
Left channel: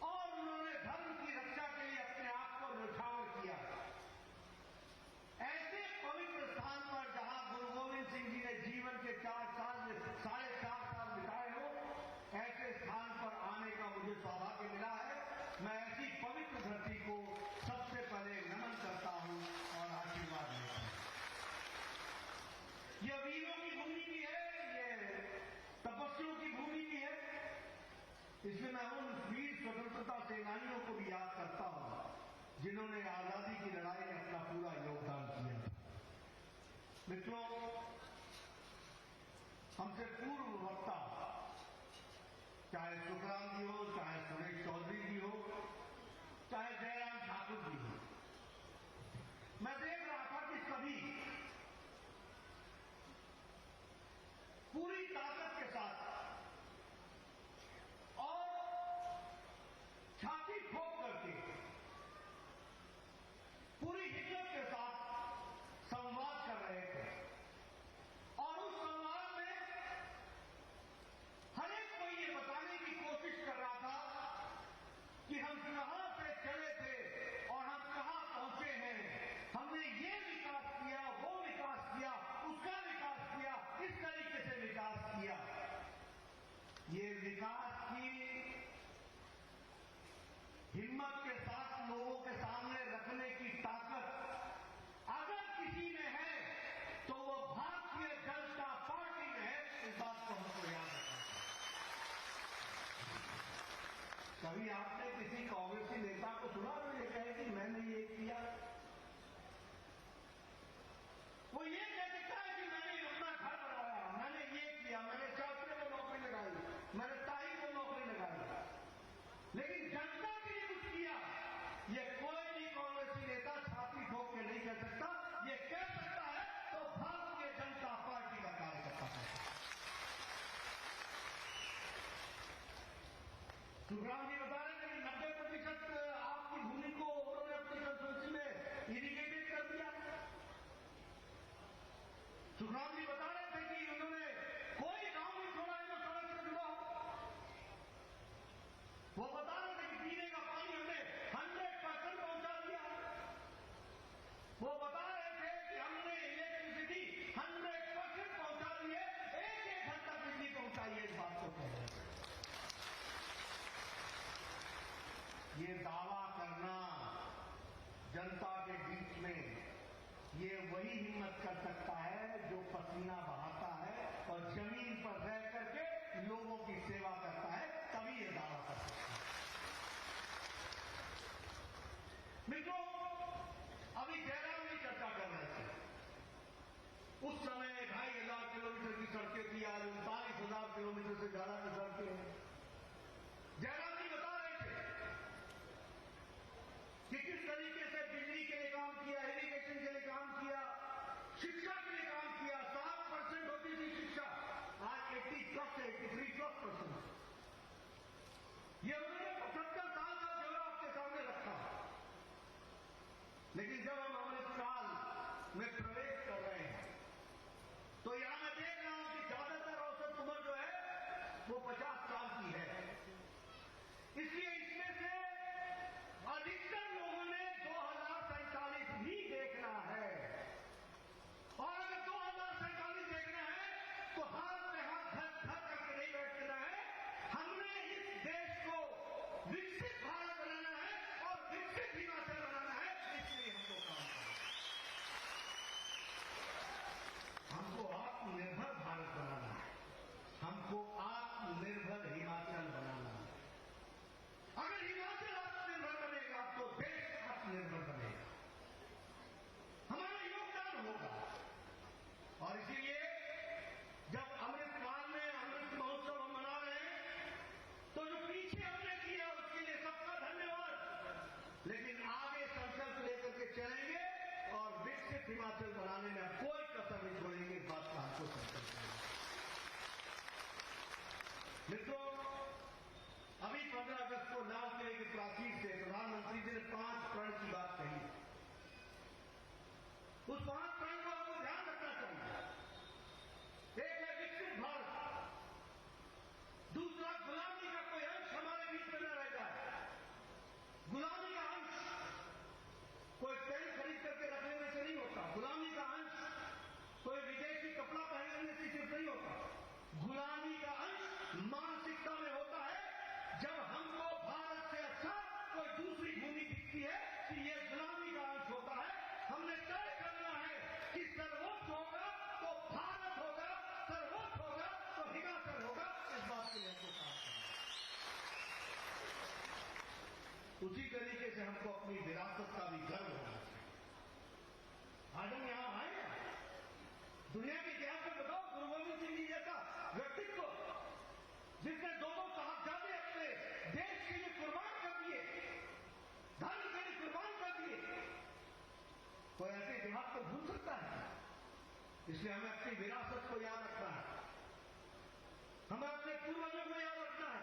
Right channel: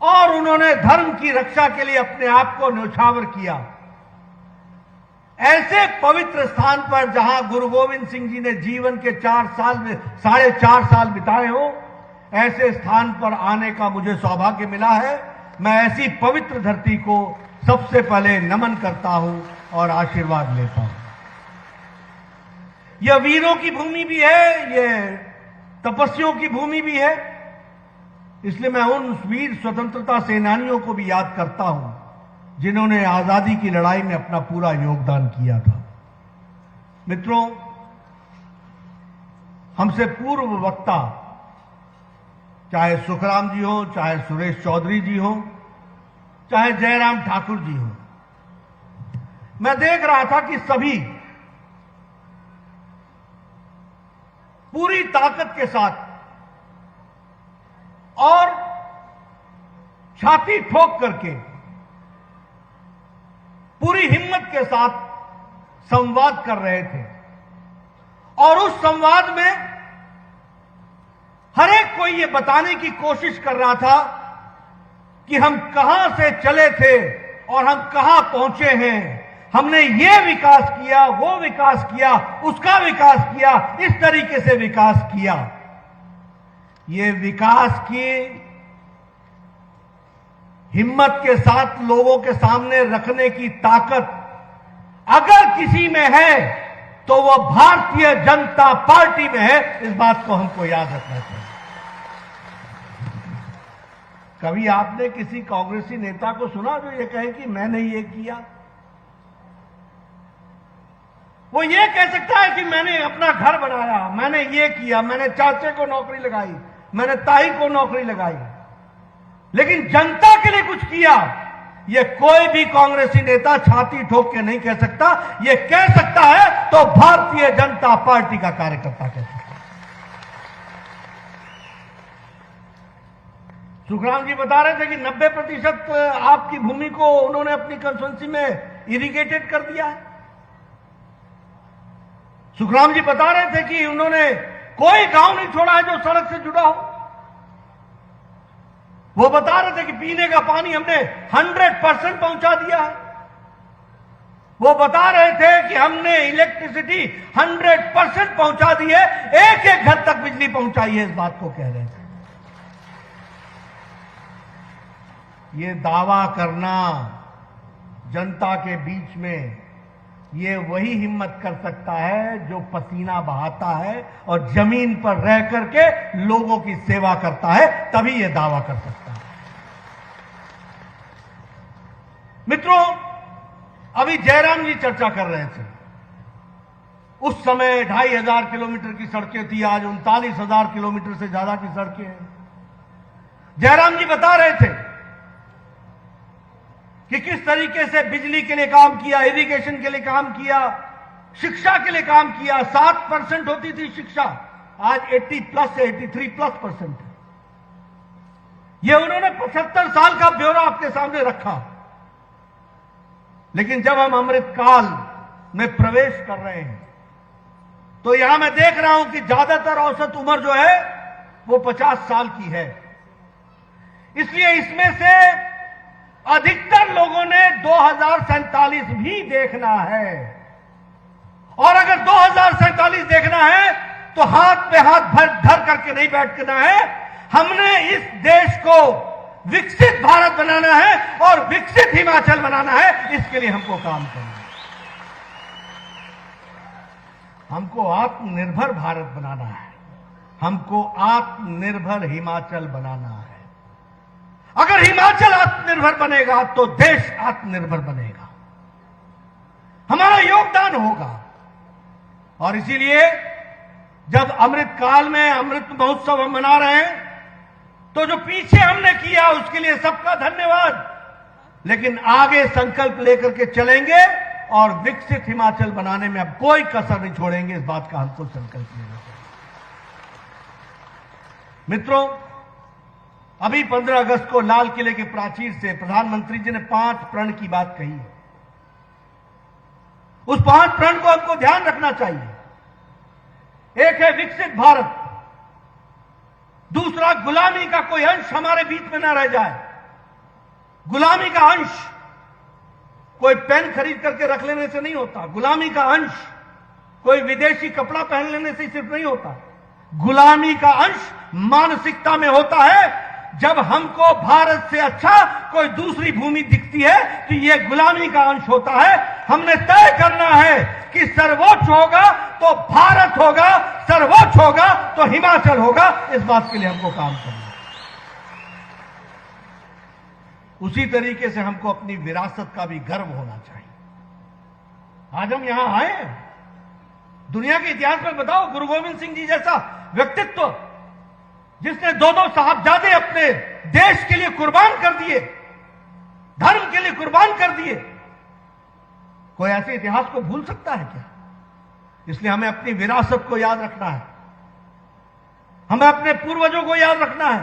और उन्होंने धर्म की रक्षा के लिए अपने आप को न्यौछावर किया। ऐसे पवित्र स्थान पर जहां गुरु गोविंद सिंह जी ने जीवन के 4.5 साल बिताए हो, ऐसे स्थान पर आने का मुझे सौभाग्य मिला है। मैं ऐसी पवित्र धरती को सबसे पहले नमन करता हूं और आशीर्वाद लेता हूं। यह वीरों की भूमि भी है, यह तपस्वियों की भूमि भी है, इसलिए मैं उन वीर स्वतंत्रता सेनानियों को भी याद करता हूं जिन्होंने आजादी की लड़ाई में अपना पूरा योगदान किया था। मित्रों, हमसे पूर्व वक्ता चाहे सुखराम जी हो, चाहे सुरेश चौधरी जी हो, चाहे जयराम ठाकुर जी हो, मैं देख रहा था कि सभी पूरी ताकत के साथ और छाती ठोक करके के साथ संवाद कर रहे थे और उस संवाद में हर एक कोई ये बताने की कोशिश कर रहा था कि हम कहां से चले थे और हम कहां पहुंचे हैं। हमने ये विकास किया, वो विकास किया, उसका विकास किया, इस तरीके से विकास किया। ये विकास की हिम्मत के साथ लोगों के सामने रखने की ताकत अगर किसी में है तो वो भारतीय जनता पार्टी में है। इस बात को हमको याद रखना चाहिए। कभी आपने किसी कांग्रेसी नेता को सुना जो ये कहे कि मैंने ये किया? वो ये कह सकता है कि मैंने अपना घर बनाया, मैंने ये किया, मैंने चाचे को नौकरी लगाई, मैंने ताई को नौकरी लगाई, लेकिन जनता के लिए कुछ किया, ये कोई भी कांग्रेसी नेता छाती ठोक के नहीं कह सकता। ये कह सकता है तो भारतीय जनता पार्टी का कार्यकर्ता कह सकता है। सुखराम जी बता रहे थे कि 90% आपकी भूमि को उन्होंने अपनी कंस्टिट्यूंसी में इरिगेटेड कर दिया है। सुखराम जी बता रहे थे कि उन्होंने कोई गांव नहीं छोड़ा है जो सड़क से जुड़ा हो। वो बता रहे थे कि पीने का पानी हमने 100% पहुंचा दिया है। वो बता रहे थे कि हमने इलेक्ट्रिसिटी 100% पहुंचा दी है, एक एक घर तक बिजली पहुंचाई है। इस बात को कह रहे थे। ये दावा करना जनता के बीच में, ये वही हिम्मत कर सकता है जो पसीना बहाता है और जमीन पर रह करके लोगों की सेवा करता है, तभी ये दावा कर सकता है। मित्रों, अभी जयराम जी चर्चा कर रहे थे। उस समय 2500 किलोमीटर की सड़कें थी, आज 39,000 किलोमीटर से ज्यादा की सड़कें हैं। जयराम जी बता रहे थे कि किस तरीके से बिजली के लिए काम किया, इरिगेशन के लिए काम किया, शिक्षा के लिए काम किया। 7% होती थी शिक्षा, आज 80+ है, 83+% है। ये उन्होंने 75 साल का ब्यौरा आपके सामने रखा। लेकिन जब हम अमृतकाल में प्रवेश कर रहे हैं तो यहां मैं देख रहा हूं कि ज्यादातर औसत उम्र जो है वो 50 साल की है। इसलिए इसमें से अधिकतर लोगों ने 2047 भी देखना है। और अगर 2047 देखना है तो हाथ पे हाथ धर करके नहीं बैठना है। हमने इस देश को विकसित भारत बनाना है और विकसित हिमाचल बनाना है। इसके लिए हमको काम करना है। हमको आत्मनिर्भर भारत बनाना है, हमको आत्मनिर्भर हिमाचल बनाना है। अगर हिमाचल आत्मनिर्भर बनेगा तो देश आत्मनिर्भर बनेगा, हमारा योगदान होगा। और इसीलिए जब अमृत काल में अमृत महोत्सव हम मना रहे हैं तो जो पीछे हमने किया उसके लिए सबका धन्यवाद। लेकिन आगे संकल्प लेकर के चलेंगे और विकसित हिमाचल बनाने में अब कोई कसर नहीं छोड़ेंगे। इस बात का हमको संकल्प लेना चाहिए। मित्रों, अभी 15 अगस्त को लाल किले के प्राचीर से प्रधानमंत्री जी ने 5 प्रण की बात कही है। उस 5 प्रण को हमको ध्यान रखना चाहिए। एक है विकसित भारत, दूसरा गुलामी का कोई अंश हमारे बीच में ना रह जाए। गुलामी का अंश कोई पेन खरीद करके रख लेने से नहीं होता। गुलामी का अंश कोई विदेशी कपड़ा पहन लेने से सिर्फ नहीं होता। गुलामी का अंश मानसिकता में होता है। जब हमको भारत से अच्छा कोई दूसरी भूमि दिखती है तो यह गुलामी का अंश होता है। हमने तय करना है कि सर्वोच्च होगा तो भारत होगा, सर्वोच्च होगा तो हिमाचल होगा। इस बात के लिए हमको काम करना है। उसी तरीके से हमको अपनी विरासत का भी गर्व होना चाहिए। आज हम यहां आए हैं, दुनिया के इतिहास में बताओ, गुरु गोविंद सिंह जी जैसा व्यक्तित्व जिसने 2-2 साहबजादे अपने देश के लिए कुर्बान कर दिए, धर्म के लिए कुर्बान कर दिए, कोई ऐसे इतिहास को भूल सकता है क्या? इसलिए हमें अपनी विरासत को याद रखना है, हमें अपने पूर्वजों को याद रखना है,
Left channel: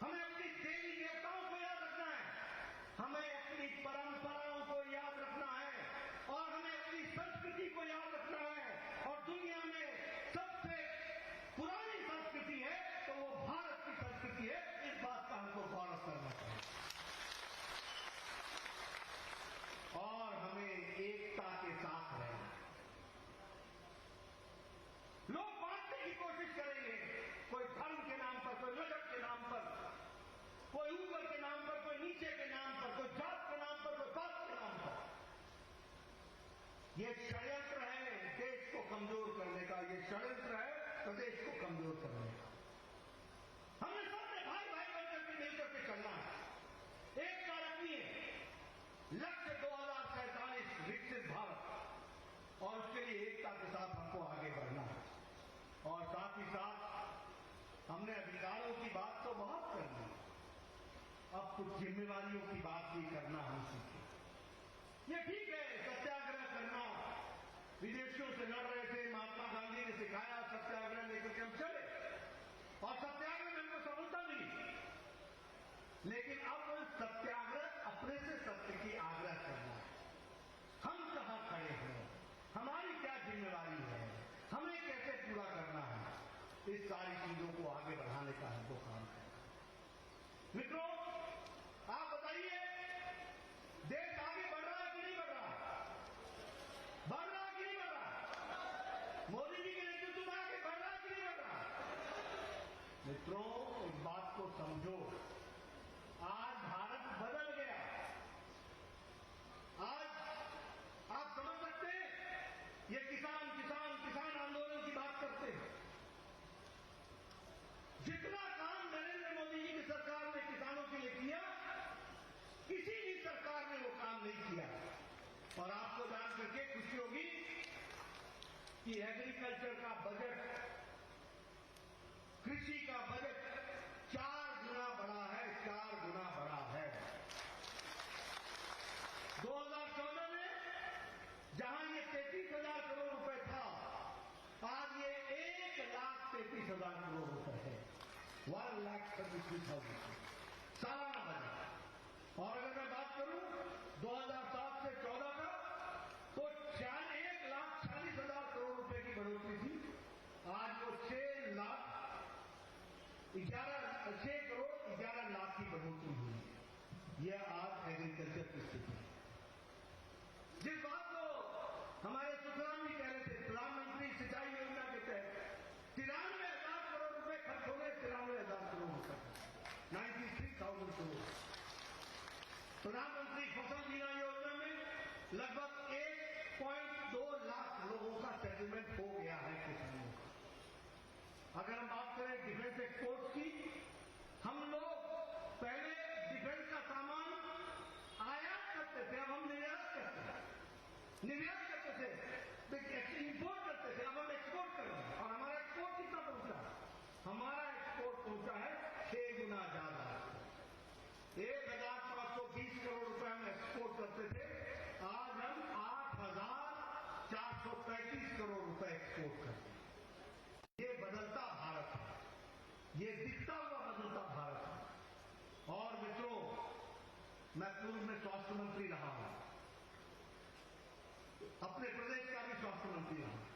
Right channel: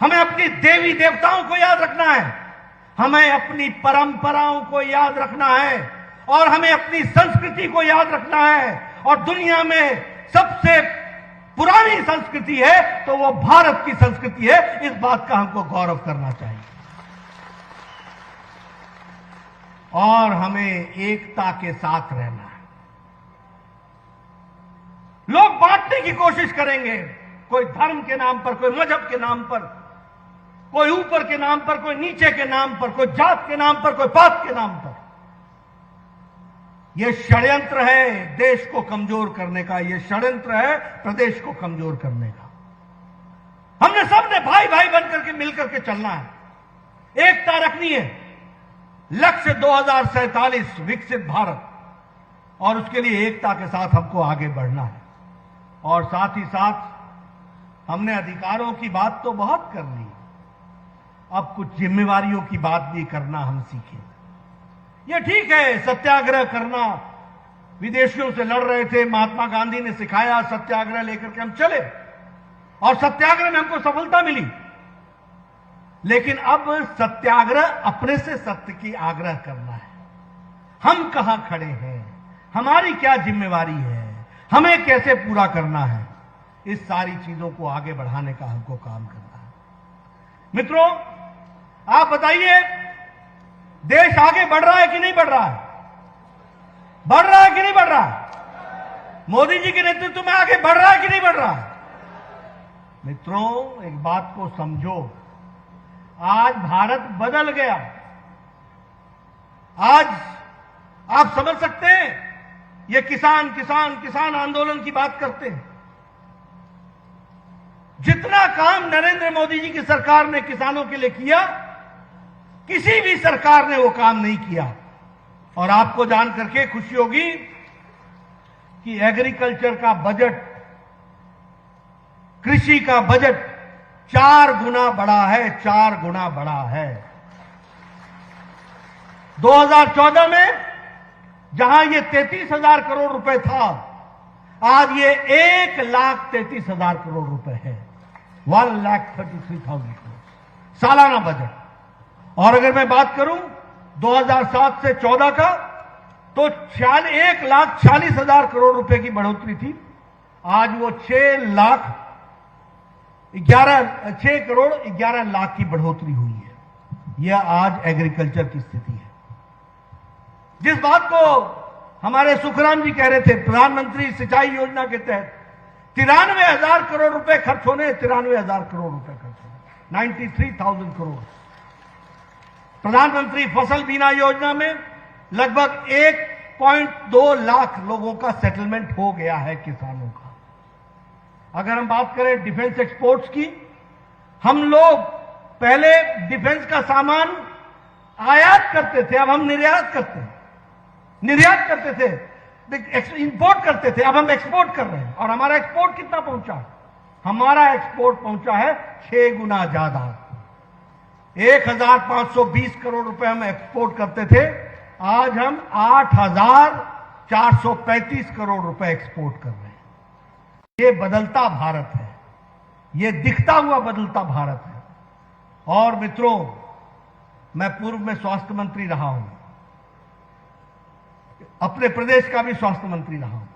हमें अपनी देवी देवताओं को याद रखना है, हमें अपनी परंपराओं को याद रखना है। और हमें अपनी संस्कृति को याद रखना है। और दुनिया में सबसे पुरानी संस्कृति है तो वो भारत की संस्कृति है। इस बात का हमको गौरव करना चाहिए और हमें एकता के साथ रहना है। लोग बांटने की कोशिश करेंगे, कोई धर्म के नाम पर, कोई मजहब के नाम पर, कोई ऊपर के नाम पर, कोई नीचे के नाम पर, कोई जात के नाम पर, कोई पात के नाम पर। यह षड्यंत्र है देश को कमजोर करने का, यह षड्यंत्र है प्रदेश को कमजोर करने का। हमने सबने भाई भाई बनकर के मिलकर के चलना है, एकता रखनी है। लक्ष्य 2047 विकसित भारत, और उसके लिए एकता के साथ हमको आगे बढ़ना है। और साथ ही साथ हमने अधिकारों की बात तो बहुत कर ली, अब कुछ जिम्मेवारियों की बात भी करना हम सीखें। यह ठीक है सत्याग्रह करना, विदेशियों से लड़ रहे थे, महात्मा गांधी ने सिखाया, सत्याग्रह लेकर के हम चले और सत्याग्रह में हमको सफलता मिली। लेकिन अब सत्याग्रह अपने से सत्य की आग्रह करना है। हम कहां खड़े हैं, हमारी क्या जिम्मेवारी है, हमें कैसे पूरा करना है, इस सारी चीजों को आगे बढ़ाने का हमको काम करना है। मित्रों, आप बताइए, देश आगे बढ़ रहा है कि नहीं बढ़ रहा है? बढ़ रहा है कि नहीं बढ़ रहा है? मोदी जी के नेतृत्व में आगे बढ़ रहा है कि नहीं बढ़ रहा है? मित्रों, एक बात को समझो, आज भारत बदल गया। आज आप समझ सकते हैं, ये किसान किसान किसान आंदोलन की बात करते हैं। जितना काम नरेंद्र मोदी जी की सरकार ने किसानों के लिए किया, किसी भी सरकार ने वो काम नहीं किया। और आपको जान करके खुशी होगी कि एग्रीकल्चर का बजट, कृषि का बजट 4 गुना बढ़ा है, 4 गुना बढ़ा है। 2014 में जहां ये 33,000 करोड़ रुपए था, आज ये 1,33,000 करोड़ रुपए है। 1,33,000 करोड़ सालाना बजट। और अगर मैं बात करूं 2007 से 14 का, तो 1,40,000 करोड़ रुपए की बढ़ोतरी थी। आज वो 6 करोड़ 11 लाख की बढ़ोतरी हुई है। यह आज एग्रीकल्चर की स्थिति है। जिस बात को हमारे सुखराम जी कह रहे थे, प्रधानमंत्री सिंचाई योजना के तहत 93,000 करोड़ रुपए खर्च होने, 93,000 करोड़ रुपए खर्च होने, 93,000 करोड़। प्रधानमंत्री फसल बीमा योजना में लगभग 1.2 लाख लोगों का सेटलमेंट हो गया है किसानों का। अगर हम बात करें डिफेंस एक्सपोर्ट्स की, हम लोग पहले डिफेंस का सामान आयात करते थे, अब हम निर्यात करते हैं। निर्यात करते थे, इंपोर्ट करते थे, अब हम एक्सपोर्ट कर रहे हैं। और हमारा एक्सपोर्ट कितना पहुंचा? हमारा एक्सपोर्ट पहुंचा है 6 गुना ज्यादा। 1,520 करोड़ रुपए हम एक्सपोर्ट करते थे, आज हम 8,435 करोड़ रुपए एक्सपोर्ट कर रहे हैं। ये बदलता भारत है, ये दिखता हुआ बदलता भारत है। और मित्रों, मैं पूर्व में स्वास्थ्य मंत्री रहा हूं, अपने प्रदेश का भी स्वास्थ्य मंत्री रहा हूं।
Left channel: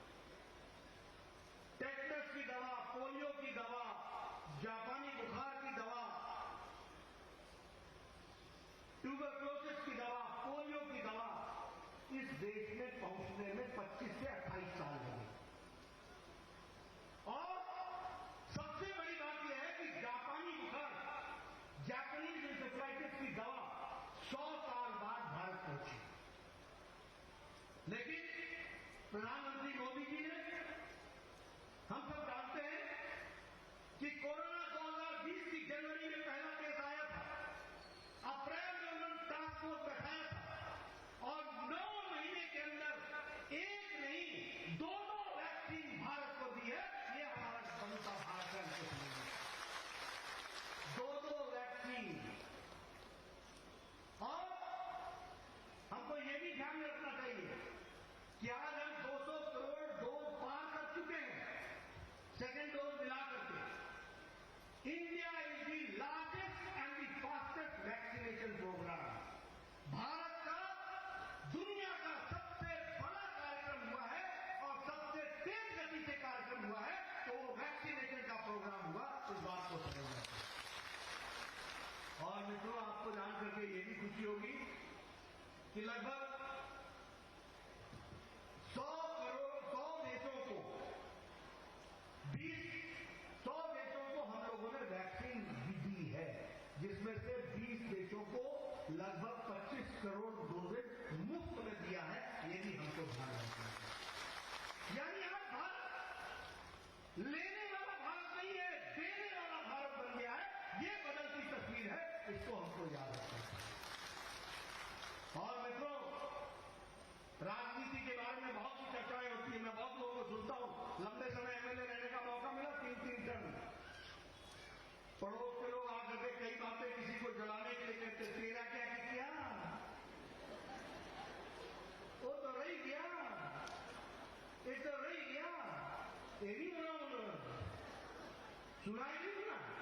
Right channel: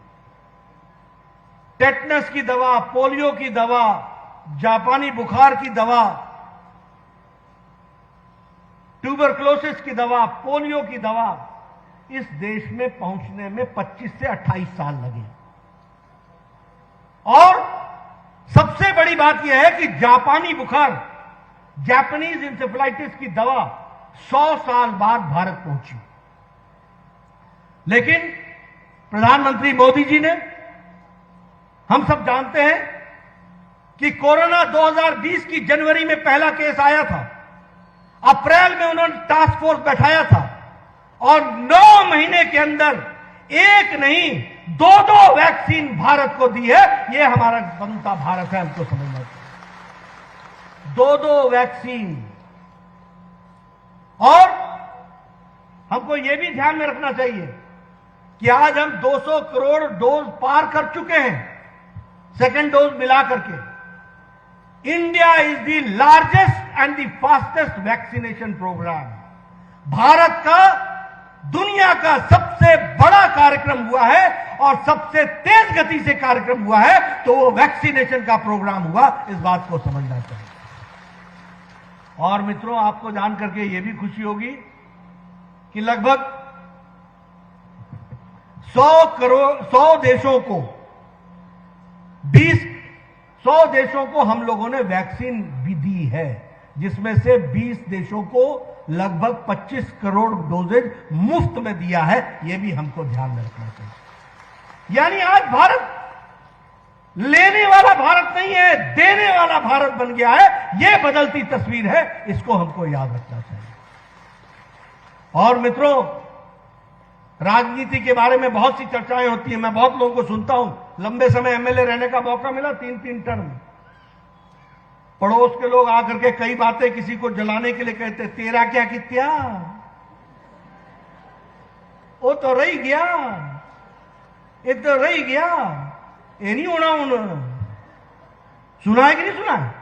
टेटनस की दवा, पोलियो की दवा, जापानी बुखार की दवा, ट्यूबरक्लोसिस की दवा, पोलियो की दवा इस देश में पहुंचने में 25 से 28 साल लगे। और सबसे बड़ी बात यह है कि जापानी बुखार, जापानीज इंसेफेलाइटिस की दवा 100 साल बाद भारत पहुंची। लेकिन प्रधानमंत्री मोदी जी ने, हम सब जानते हैं कि कोरोना 2020 की जनवरी में पहला केस आया था, अप्रैल में उन्होंने टास्क फोर्स बैठाया था और 9 महीने के अंदर एक नहीं 2 वैक्सीन भारत को दी है। यह हमारा बनता भारत है, हमको समझना चाहिए। 2 वैक्सीन। और हमको यह भी ध्यान में रखना चाहिए कि आज हम 200 करोड़ डोज पार कर चुके हैं, सेकेंड डोज मिला करके। India is the largest and the fastest vaccination programme. Bharat का दुनिया का सबसे बड़ा कार्यक्रम हुआ है और सबसे तेज गति से कार्यक्रम हुआ है तो वो वैक्सीनेशन का प्रोग्राम हुआ, इस बात को समझना चाहिए। और मित्रों, आपको जान करके ये भी खुशी होगी कि लगभग 100 देशों को 100 देशों को हम लोगों ने वैक्सीन भी दी है, जिसमें से 20 देशों को लगभग 25 करोड़ डोजेज मुफ्त में दिया है। यह भी हमको ध्यान में रखना चाहिए। यानी आज भारत लेने वाला भारत नहीं है, देने वाला भारत बन गया है। यह बदलती तस्वीर है, इसको हमको याद रखना चाहिए। और मित्रों, राजनीति के बारे में बहुत सी चर्चाएं होती हैं, मैं बहुत लोगों को सुनता हूं। लंबे समय एमएलए रहने का मौका मिला, 3-3 टर्म। पड़ोस के लोग आकर के कई बातें किसी को जलाने के लिए कहते, तेरा क्या कित्या, वो तो रही गया, ये तो रही गया, ये नहीं होना उन्होंने। सुना है कि नहीं सुना है?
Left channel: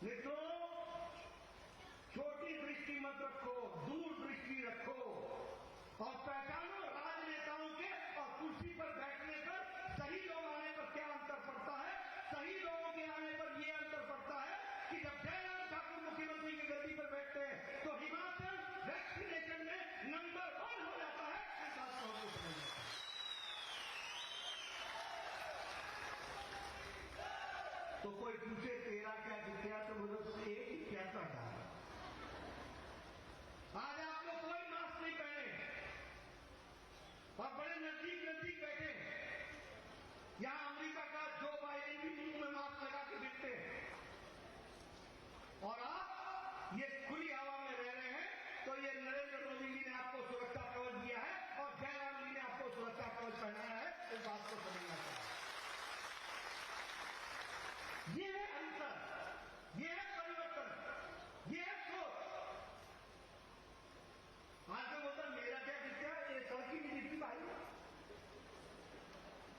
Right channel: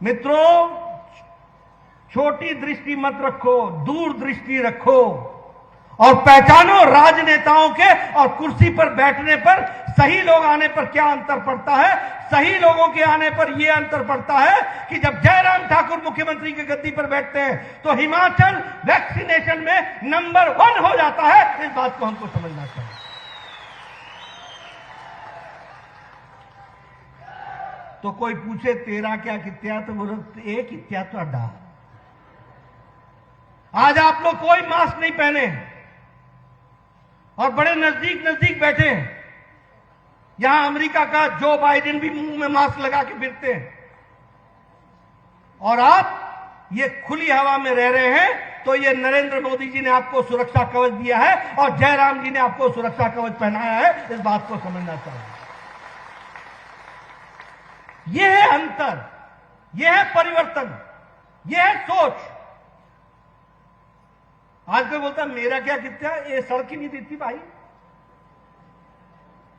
मित्रों, छोटी दृष्टि मत रखो, दूर दृष्टि रखो और पहचानो राजनेताओं के और कुर्सी पर बैठने पर, सही लोग आने पर क्या अंतर पड़ता है। सही लोगों के आने पर यह अंतर पड़ता है कि जब जयराम ठाकुर मुख्यमंत्री की गद्दी पर बैठते हैं तो हिमाचल वैक्सीनेशन में नंबर 1 हो जाता है। इस बात को हमको समझना चाहिए। तो कोई पूछे तेरा क्या कित्या, तो बोलो एक कित्या तो अड्डा। आज आप लोग कोई मास्क नहीं पहने और बड़े नजदीक नजदीक बैठे हैं। यहां अमेरिका का जो बाइडेन भी मुंह में मास्क लगा के फिरते हैं और आप ये खुली हवा में रह रहे हैं। तो ये नरेंद्र मोदी जी ने आपको सुरक्षा कवच दिया है और जयराम जी ने आपको सुरक्षा कवच पहनाया है। इस बात को समझना चाहिए। यह है अंतर, यह है परिवर्तन, यह है सोच। आज कोई बोलता मेरा क्या कितना, ये सड़क ही नहीं दिखती भाई।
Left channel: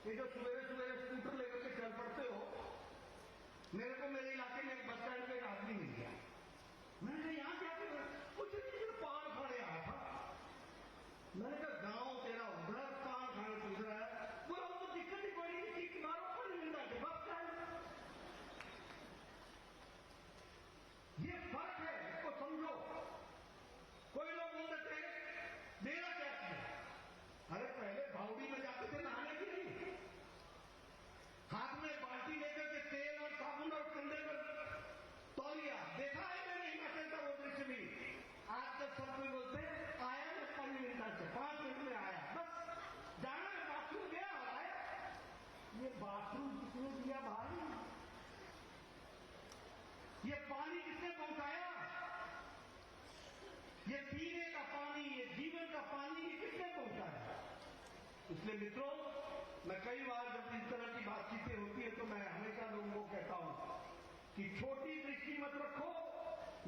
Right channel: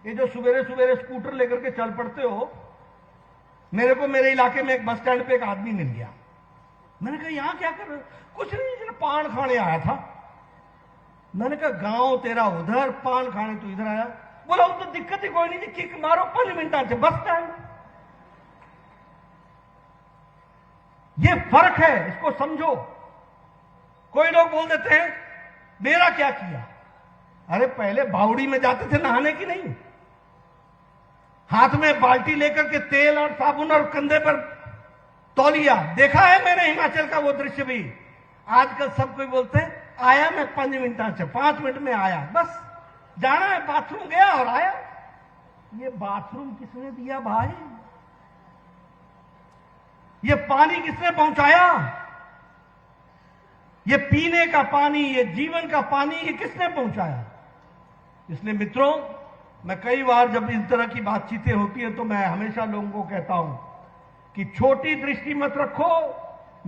ये जो सवेरे सवेरे स्कूटर लेकर के चल पड़ते हो। मेरे को मेरे इलाके में एक बस स्टैंड पे एक आदमी मिल गया। मैंने कहा यहां क्या कर रहे हो? कुछ नहीं, जिन्हें पान खाने आया था। मैंने कहा गांव तेरा उधर, पान खाने तो इधर आया। बोला वो तो दिक्कत ही कोई नहीं थी, किक मारो 5 मिनट से बस स्टैंड। ये फर्क है, इसको समझो। कोई लोग बोल देते हैं मेरा क्या किया। अरे पहले बावड़ी में जाते थे नहाने की नहीं, हाथ में बाल्टी लेकर के तेल और साबुन और कंधे पर तौलिया। देखा है मैंने हिमाचल का वो दृश्य भी। आजकल सब कोई बोलते हैं आया मैं 5 मिनट से, 5 मिनट में आया, बस जाना है बाथरूम गया और आया। ये बाथरूम किसने दिया भाई? ये पानी किसने पहुंचाया? ये पीने का पानी, ये जीवन का पानी, ये किसने पहुंचाया? इसलिए मित्रों, मैं कई बार जब इस तरह की बातचीतें होती हैं तो मैं हमेशा लोगों को कहता हूं कि छोटी दृष्टि मत रखो,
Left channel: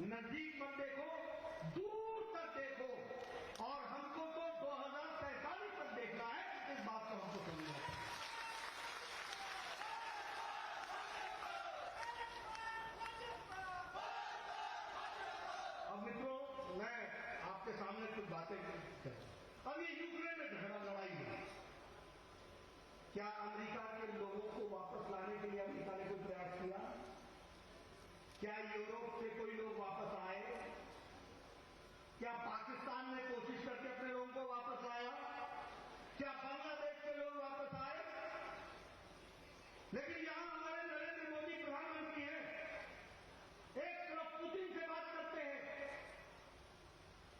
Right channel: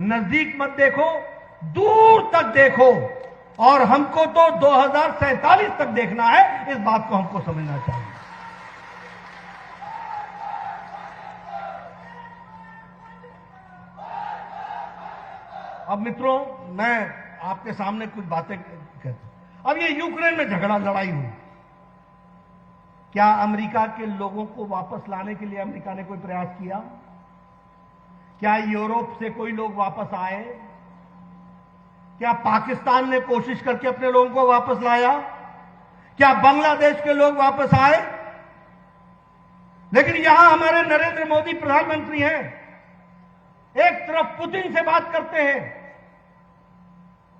नजदीक मत देखो, दूर तक देखो। और हमको तो 2047 तक देखना है। इस बात को हमको समझना चाहिए। अब मित्रों, मैं आपके सामने कुछ बातें कहता हूं। अब ये यूक्रेन में झगड़ा लड़ाई हुई, क्या अमेरिका के लोगों को वापस लाने के लिए अमेरिका ने कोई प्रयास किया? क्या यूरोप से कोई लोग वापस आए? क्या पाकिस्तान ने कोशिश करके अपने लोगों को वापस लाया? क्या बांग्लादेश के लोग वापस आए? लेकिन यहां हमारे नरेंद्र मोदी प्रधानमंत्री हैं, एक तरफ पुतिन से बात करते हैं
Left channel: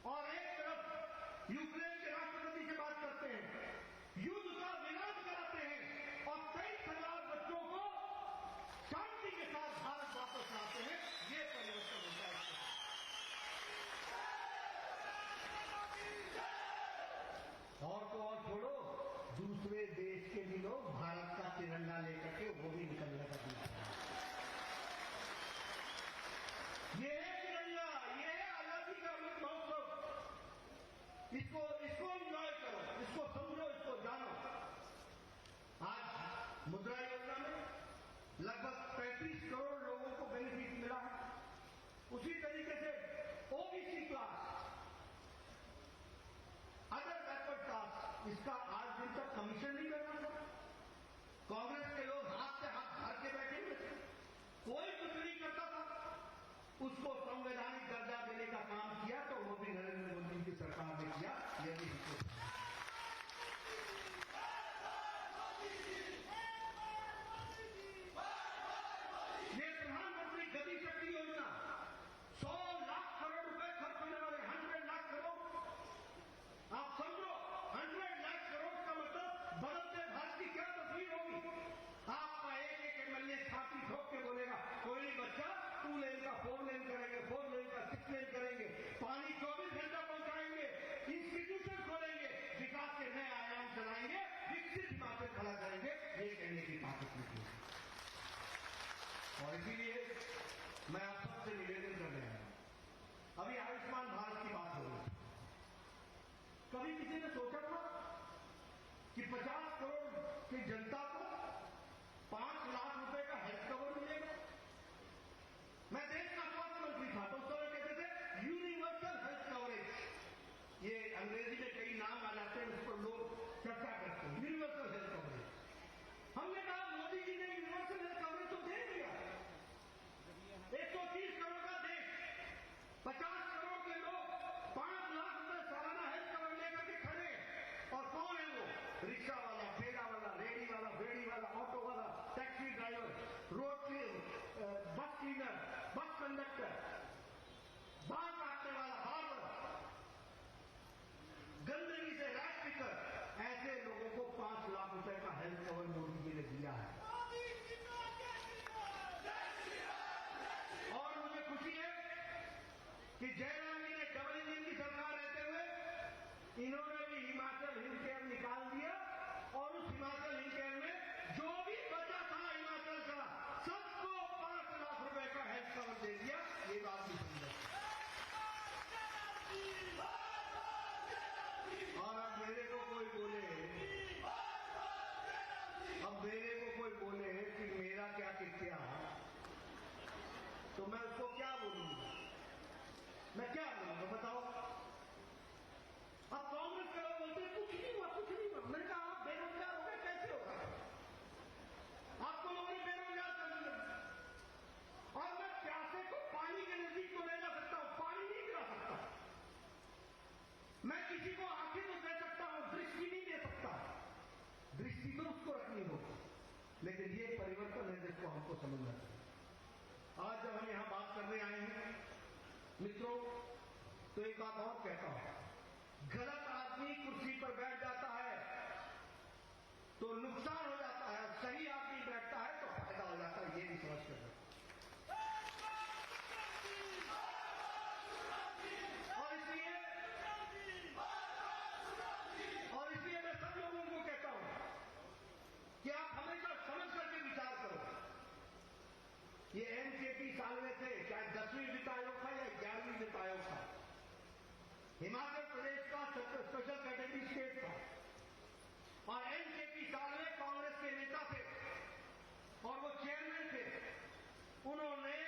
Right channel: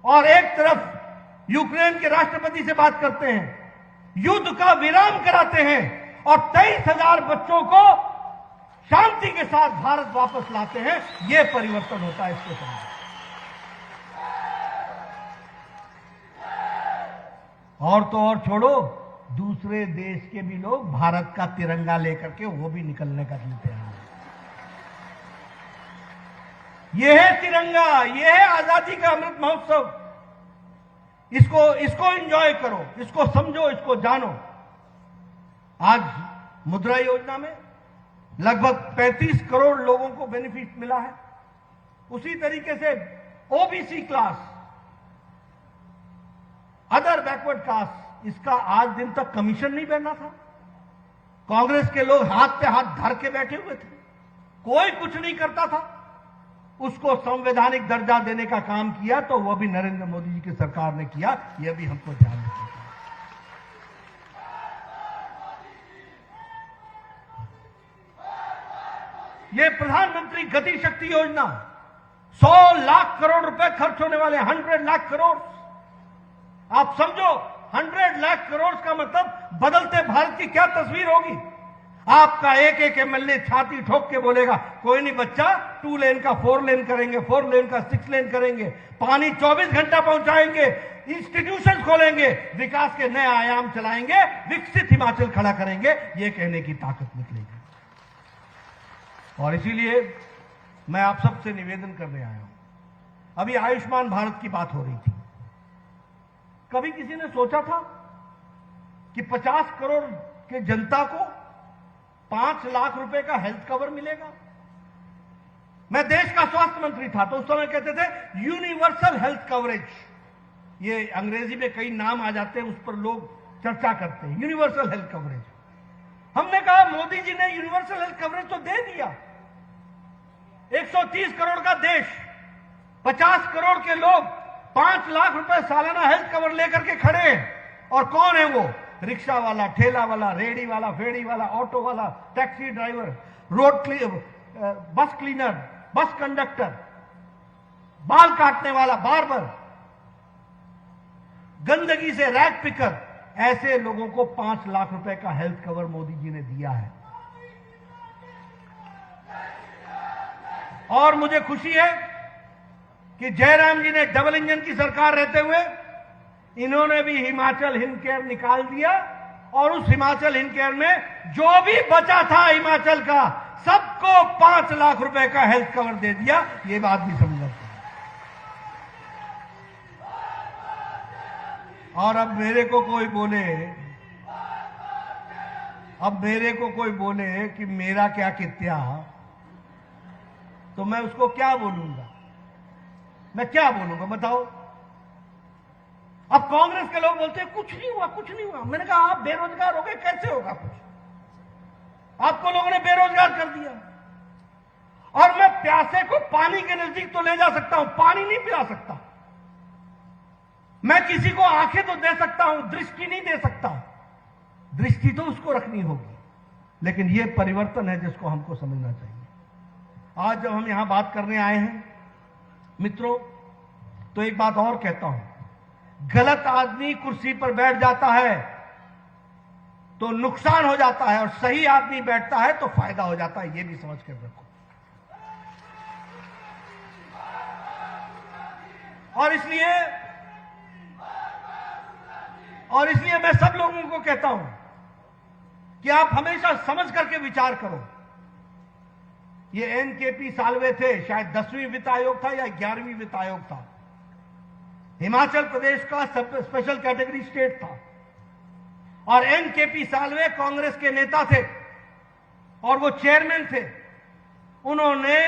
और एक तरफ यूक्रेन के राष्ट्रपति से बात करते हैं, युद्ध का विराम कराते हैं और 23,000 बच्चों को शांति के साथ भारत वापस लाते हैं। यह परिवर्तन होता है, इसको समझो। और तो और छोड़ो, दूसरे देश के भी लोग भारत का तिरंगा लेकर के वो भी निकलने का दिलते हैं। यह है तिरंगा, यह है आजादी का अमृत महोत्सव। इसको एंजॉय करो, इसको समझो, इसको जानो। आज मुद्रा योजना में लगभग 35 करोड़ लोगों को बेनिफिट मिला है। उसी तरीके से OBC class other backward caste, इसका आज दिन तक कमीशन नहीं बनना था। कांग्रेस के लोग हाथ पे हाथ धर के बैठे हुए थे, कोई कुछ नहीं करता था। उसको संवैधानिक दर्जा देने का काम किया तो वह भी नरेंद्र मोदी जी की सरकार ने किया, यह भी हमको ध्यान रखना चाहिए। ये प्रधानमंत्री गति शक्ति योजना 100 लाख करोड़ रुपए खर्च होने वाले, 100 लाख करोड़। आप समझो 100 लाख करोड़ का मतलब बदलते भारत की क्या तस्वीर होगी। आपका एक एक एमएलए छाती ठोक के बोलेगा कोई नहीं बच्चा, 2 लेन का 4 लेन करेंगे, 4 लेन का 6 लेन करेंगे, पानी 24 घंटा पहुंचाएंगे, इंस्टीट्यूशन खोलेंगे, विकास के नए आयाम चलाएंगे, विकसित हिमाचल खड़ा करेंगे। ये कहने की ताकत निकलेगी। और इसीलिए मैं आप सबसे निवेदन करने आया हूं। अभी आयुष्मान भारत की बात हो रही थी। कभी किसी ने सोचा था कि 50 करोड़ के जनता को 5 लाख रुपए का हेल्थ कवर मिलेगा? मैं देश का स्वास्थ्य मंत्री था तो उस समय कहते थे यूनिवर्सल हेल्थ कवरेज। ये अंग्रेजी में कई नाम आ जाते हैं, उस पर लोग चर्चा करते हैं, यूनिवर्सल हेल्थ कवरेज। हमने कहा मोदी जी ने यूनिवर्सल हेल्थ कवरेज तो दे दिया। 130 करोड़ का देश, 50 करोड़ के लोग 5 लाख रुपए सालाना हेल्थ कवर लेकर के खड़े हैं। और कौन है वो? रिक्शा वाला, ठेला वाला, रेडी वाला, फेड़ी वाला, ऑटो वाला, टैक्सी ड्राइवर, बस क्लीनर, बस कंडक्टर, बाल काटने वाला, बार्बर, गंदगी से रैग पिकर, ऐसे लोगों को 5 लाख रुपए का हेल्थ कवर मोदी जी ने दिया है। और मुझे खुशी है कि जयराम जी ने डबल इंजन की सरकार रहते हुए इन्होंने भी हिमाचल हिमकेयर निकाल दिया और उस हिमाचल हिमकेयर में जो भी बचा था हिमाचल का, सबको 5 लाख रुपए का हेल्थ कवर दे दिया। ये बात भी समझना चाहिए। और अब मेरे को कोई बोले कि मेरा क्या कित्या, तो मैं उसको क्या बोलूंगा? मैं क्या बोलूंगा बताओ? अब कांग्रेस के लोग बोलते हैं कुछ नहीं हुआ, कुछ नहीं हुआ। मैंने कहा आप बेरोजगार हो गए, कैसे होगा कुछ? आपको लोगों ने बेरोजगार कर दिया। और मैं प्यासे को पानी के नजदीक तो ले जा सकता हूं, पानी नहीं पिला सकता। मैं किसी को आंखें तो दे सकता हूं, दृष्टि नहीं दे सकता। दृष्टि तो उसको रखनी होगी, लेकिन यह परिवर्तन है जिसको हमको समझना चाहिए। आज जब हम यहां बात करने आए हैं मित्रों, तो एक बात और कहता हूं, गलत आदमी कुर्सी पर बैठ जाता है तो नुकसान हो जाता है, और सही आदमी बैठता है तो फायदा हो जाता है। यह भी समझ कर रखो। और इसलिए मैं सब लोगों को कहता हूं कि आप हमेशा समझ करके विचार करो। ये एनकेपी साल्वे थे, शायद 10वीं वित्त आयोग था या 11वीं वित्त आयोग था। हिमाचल प्रदेश का स्पेशल कैटेगरी स्टेट था और एनकेपी साल्वे कांग्रेस के नेता थे और वो चेयरमैन थे। उन्होंने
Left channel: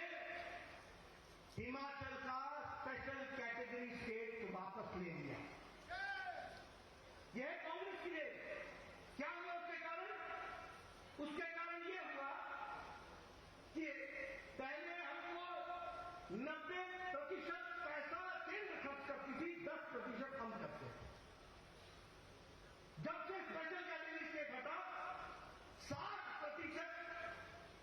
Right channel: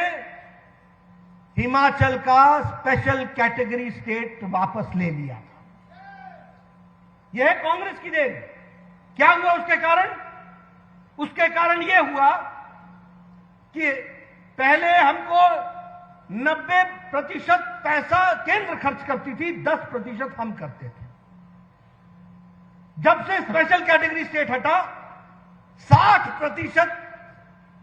हिमाचल का स्पेशल कैटेगरी स्टेट वापस ले लिया। यह है कांग्रेस की देन। क्या हुआ उसके कारण? उसके कारण यह हुआ कि पहले हमको 90% पैसा केंद्र खर्च करती थी, 10% हम करते थे। जब से स्पेशल कैटेगरी स्टेट हटा, 60%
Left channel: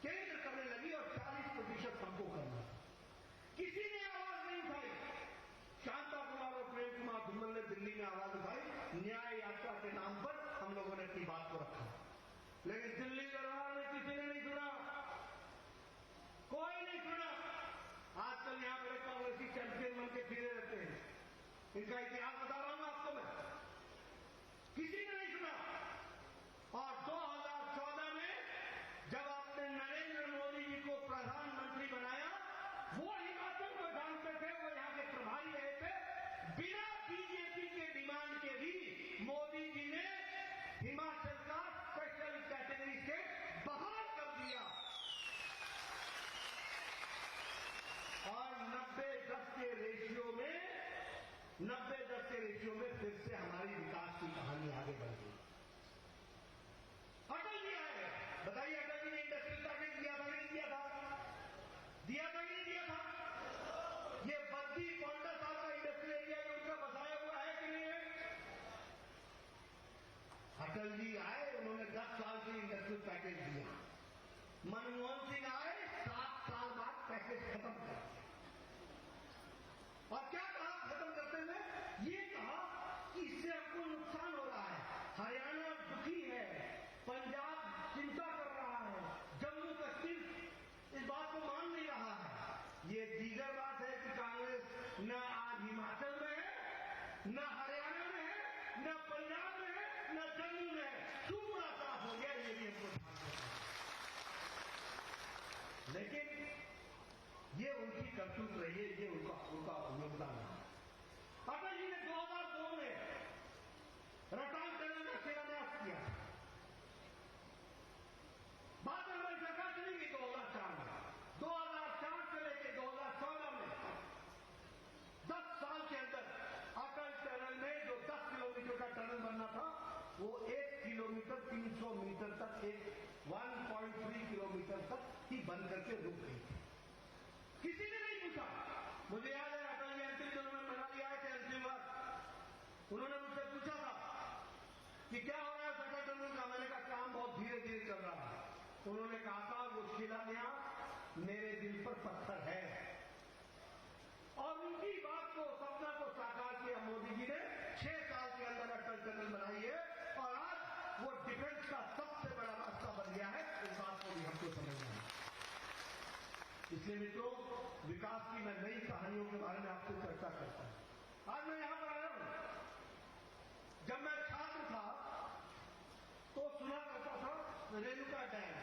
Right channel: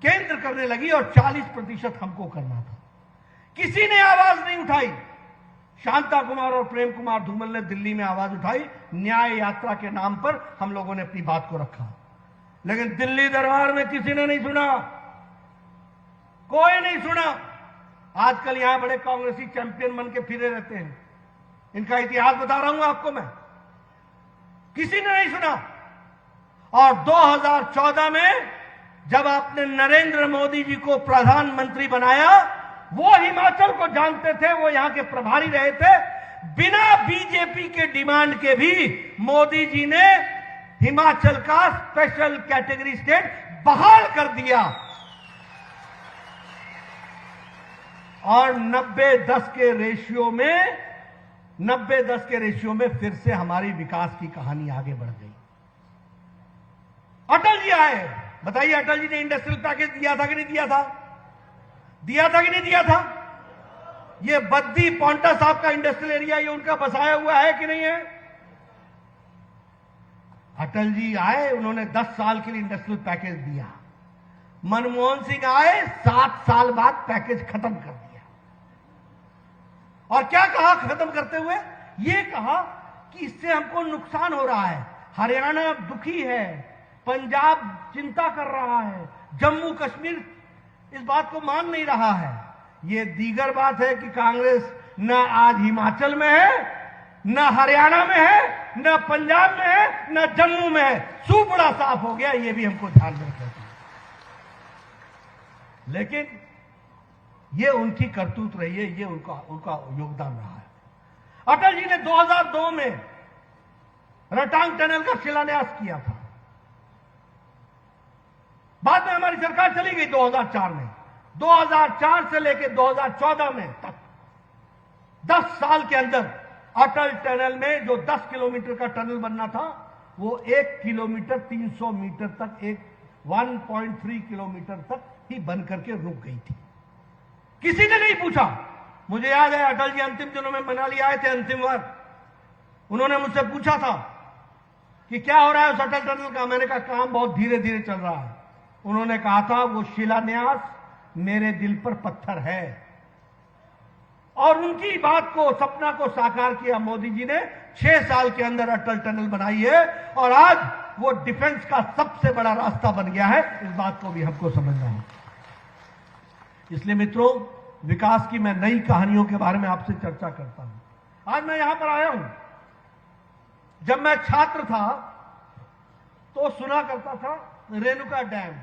केंद्र करने लगी और 40% हमको करना था। किसी ने आवाज नहीं उठाई। शांता कुमार और प्रेम कुमार धूमल ने दिल्ली में आवाज उठाई, न्याय यात्रा के नाम पर हम लोगों ने अपनी बात को रखा, लेकिन दिल्ली दरबार में किसी ने नहीं सुना, कोई नहीं सुना। आजकल यहां बड़े कांग्रेसी चैंपियन बन के फिरे रहते हैं। इनका इतिहास बता रहा हूं आपको मैं। किसी ने नहीं सुना। और 2014 में जब आपने नरेंद्र मोदी जी को प्रधानमंत्री बनाया, वो हिमाचल को जानते थे, वो यहां के प्रभारी रहे थे। बिना बीजेपी के डिमांड के भी मोदी जी ने हिमाचल का स्पेशल कैटेगरी स्टेट बहाल कर दिया और 90-10 के रेशियो में 90-10 के रेशियो में फिर से हमारी विकास की कहानी आगे बढ़ गई। अटल जी आए, बताइए अटल जी ने इंडस्ट्रियल पैकेज दिया था कि नहीं दिया था? दिया था कि नहीं दिया था? ये बद्दी पौंटा साहब का इंडस्ट्रियल एरिया ये उनका बसाया हुआ है कि नहीं है? अटल जी आए, उन्होंने 10 साल के लिए इंडस्ट्रियल पैकेज दिया। मनमोहन सिंह आए, 7 साल बाद पैकेज खत्म कर दिया। और क्या कहा खत्म करते हुए? ये कहा कि इससे हमको नुकसान हो रहा है, हरियाणा दुखी है, पंजाब चिंता कर रहा है, जम्मू कश्मीर इस बात को मान नहीं रहा है। ये दीगर बात है कि कांग्रेस न आज हिमाचल में है, न हरियाणा में है, न पंजाब में है, न जम्मू में है। सूपड़ा साफ हो गया, ये भी हमको ध्यान में रखना चाहिए। लेकिन ये उनकी करतूत रही है, ये उनका योगदान रहा है। अटल जी ने 2002 में रटांग टनल का शिलान्यास किया था। बाद में हमारी सरकार चली गई 2004 में। 2004 से लेकर 2014 में तक 10 साल के अंदर अटल टनल में जो 10 किलोमीटर का टनल बनना था वो 1 किलोमीटर 300 मीटर तक, 1.3 किलोमीटर तक ही बन करके रुक गई थी। किसी ने नहीं पूछा। मुझे याद है अटल जी अंतिम दिनों में मनाली आए थे, अंतिम बार उन्होंने मुझसे पूछा था कि क्या हो रहा है उस अटल टनल का। मैंने कहा काम बहुत धीरे धीरे चल रहा है। उन्होंने कहा था वो शिलान्यास मेरे दिल पर पत्थर है। और उनकी बात को, सपना को साकार किया मोदी जी ने। 6 साल के अंदर अटल टनल बनाई है और आज वो डिफेंस का सबसे बड़ा रास्ता बन गया है। इस बात को भी हमको समझना है। इसलिए मित्रों, विकास की मैं नई कहानियों के बारे में आपसे चर्चा करता हूं। आज मैं यहां पर आया हूं। जब मैं छात्र था तो सुना करता था रेणुका डैम।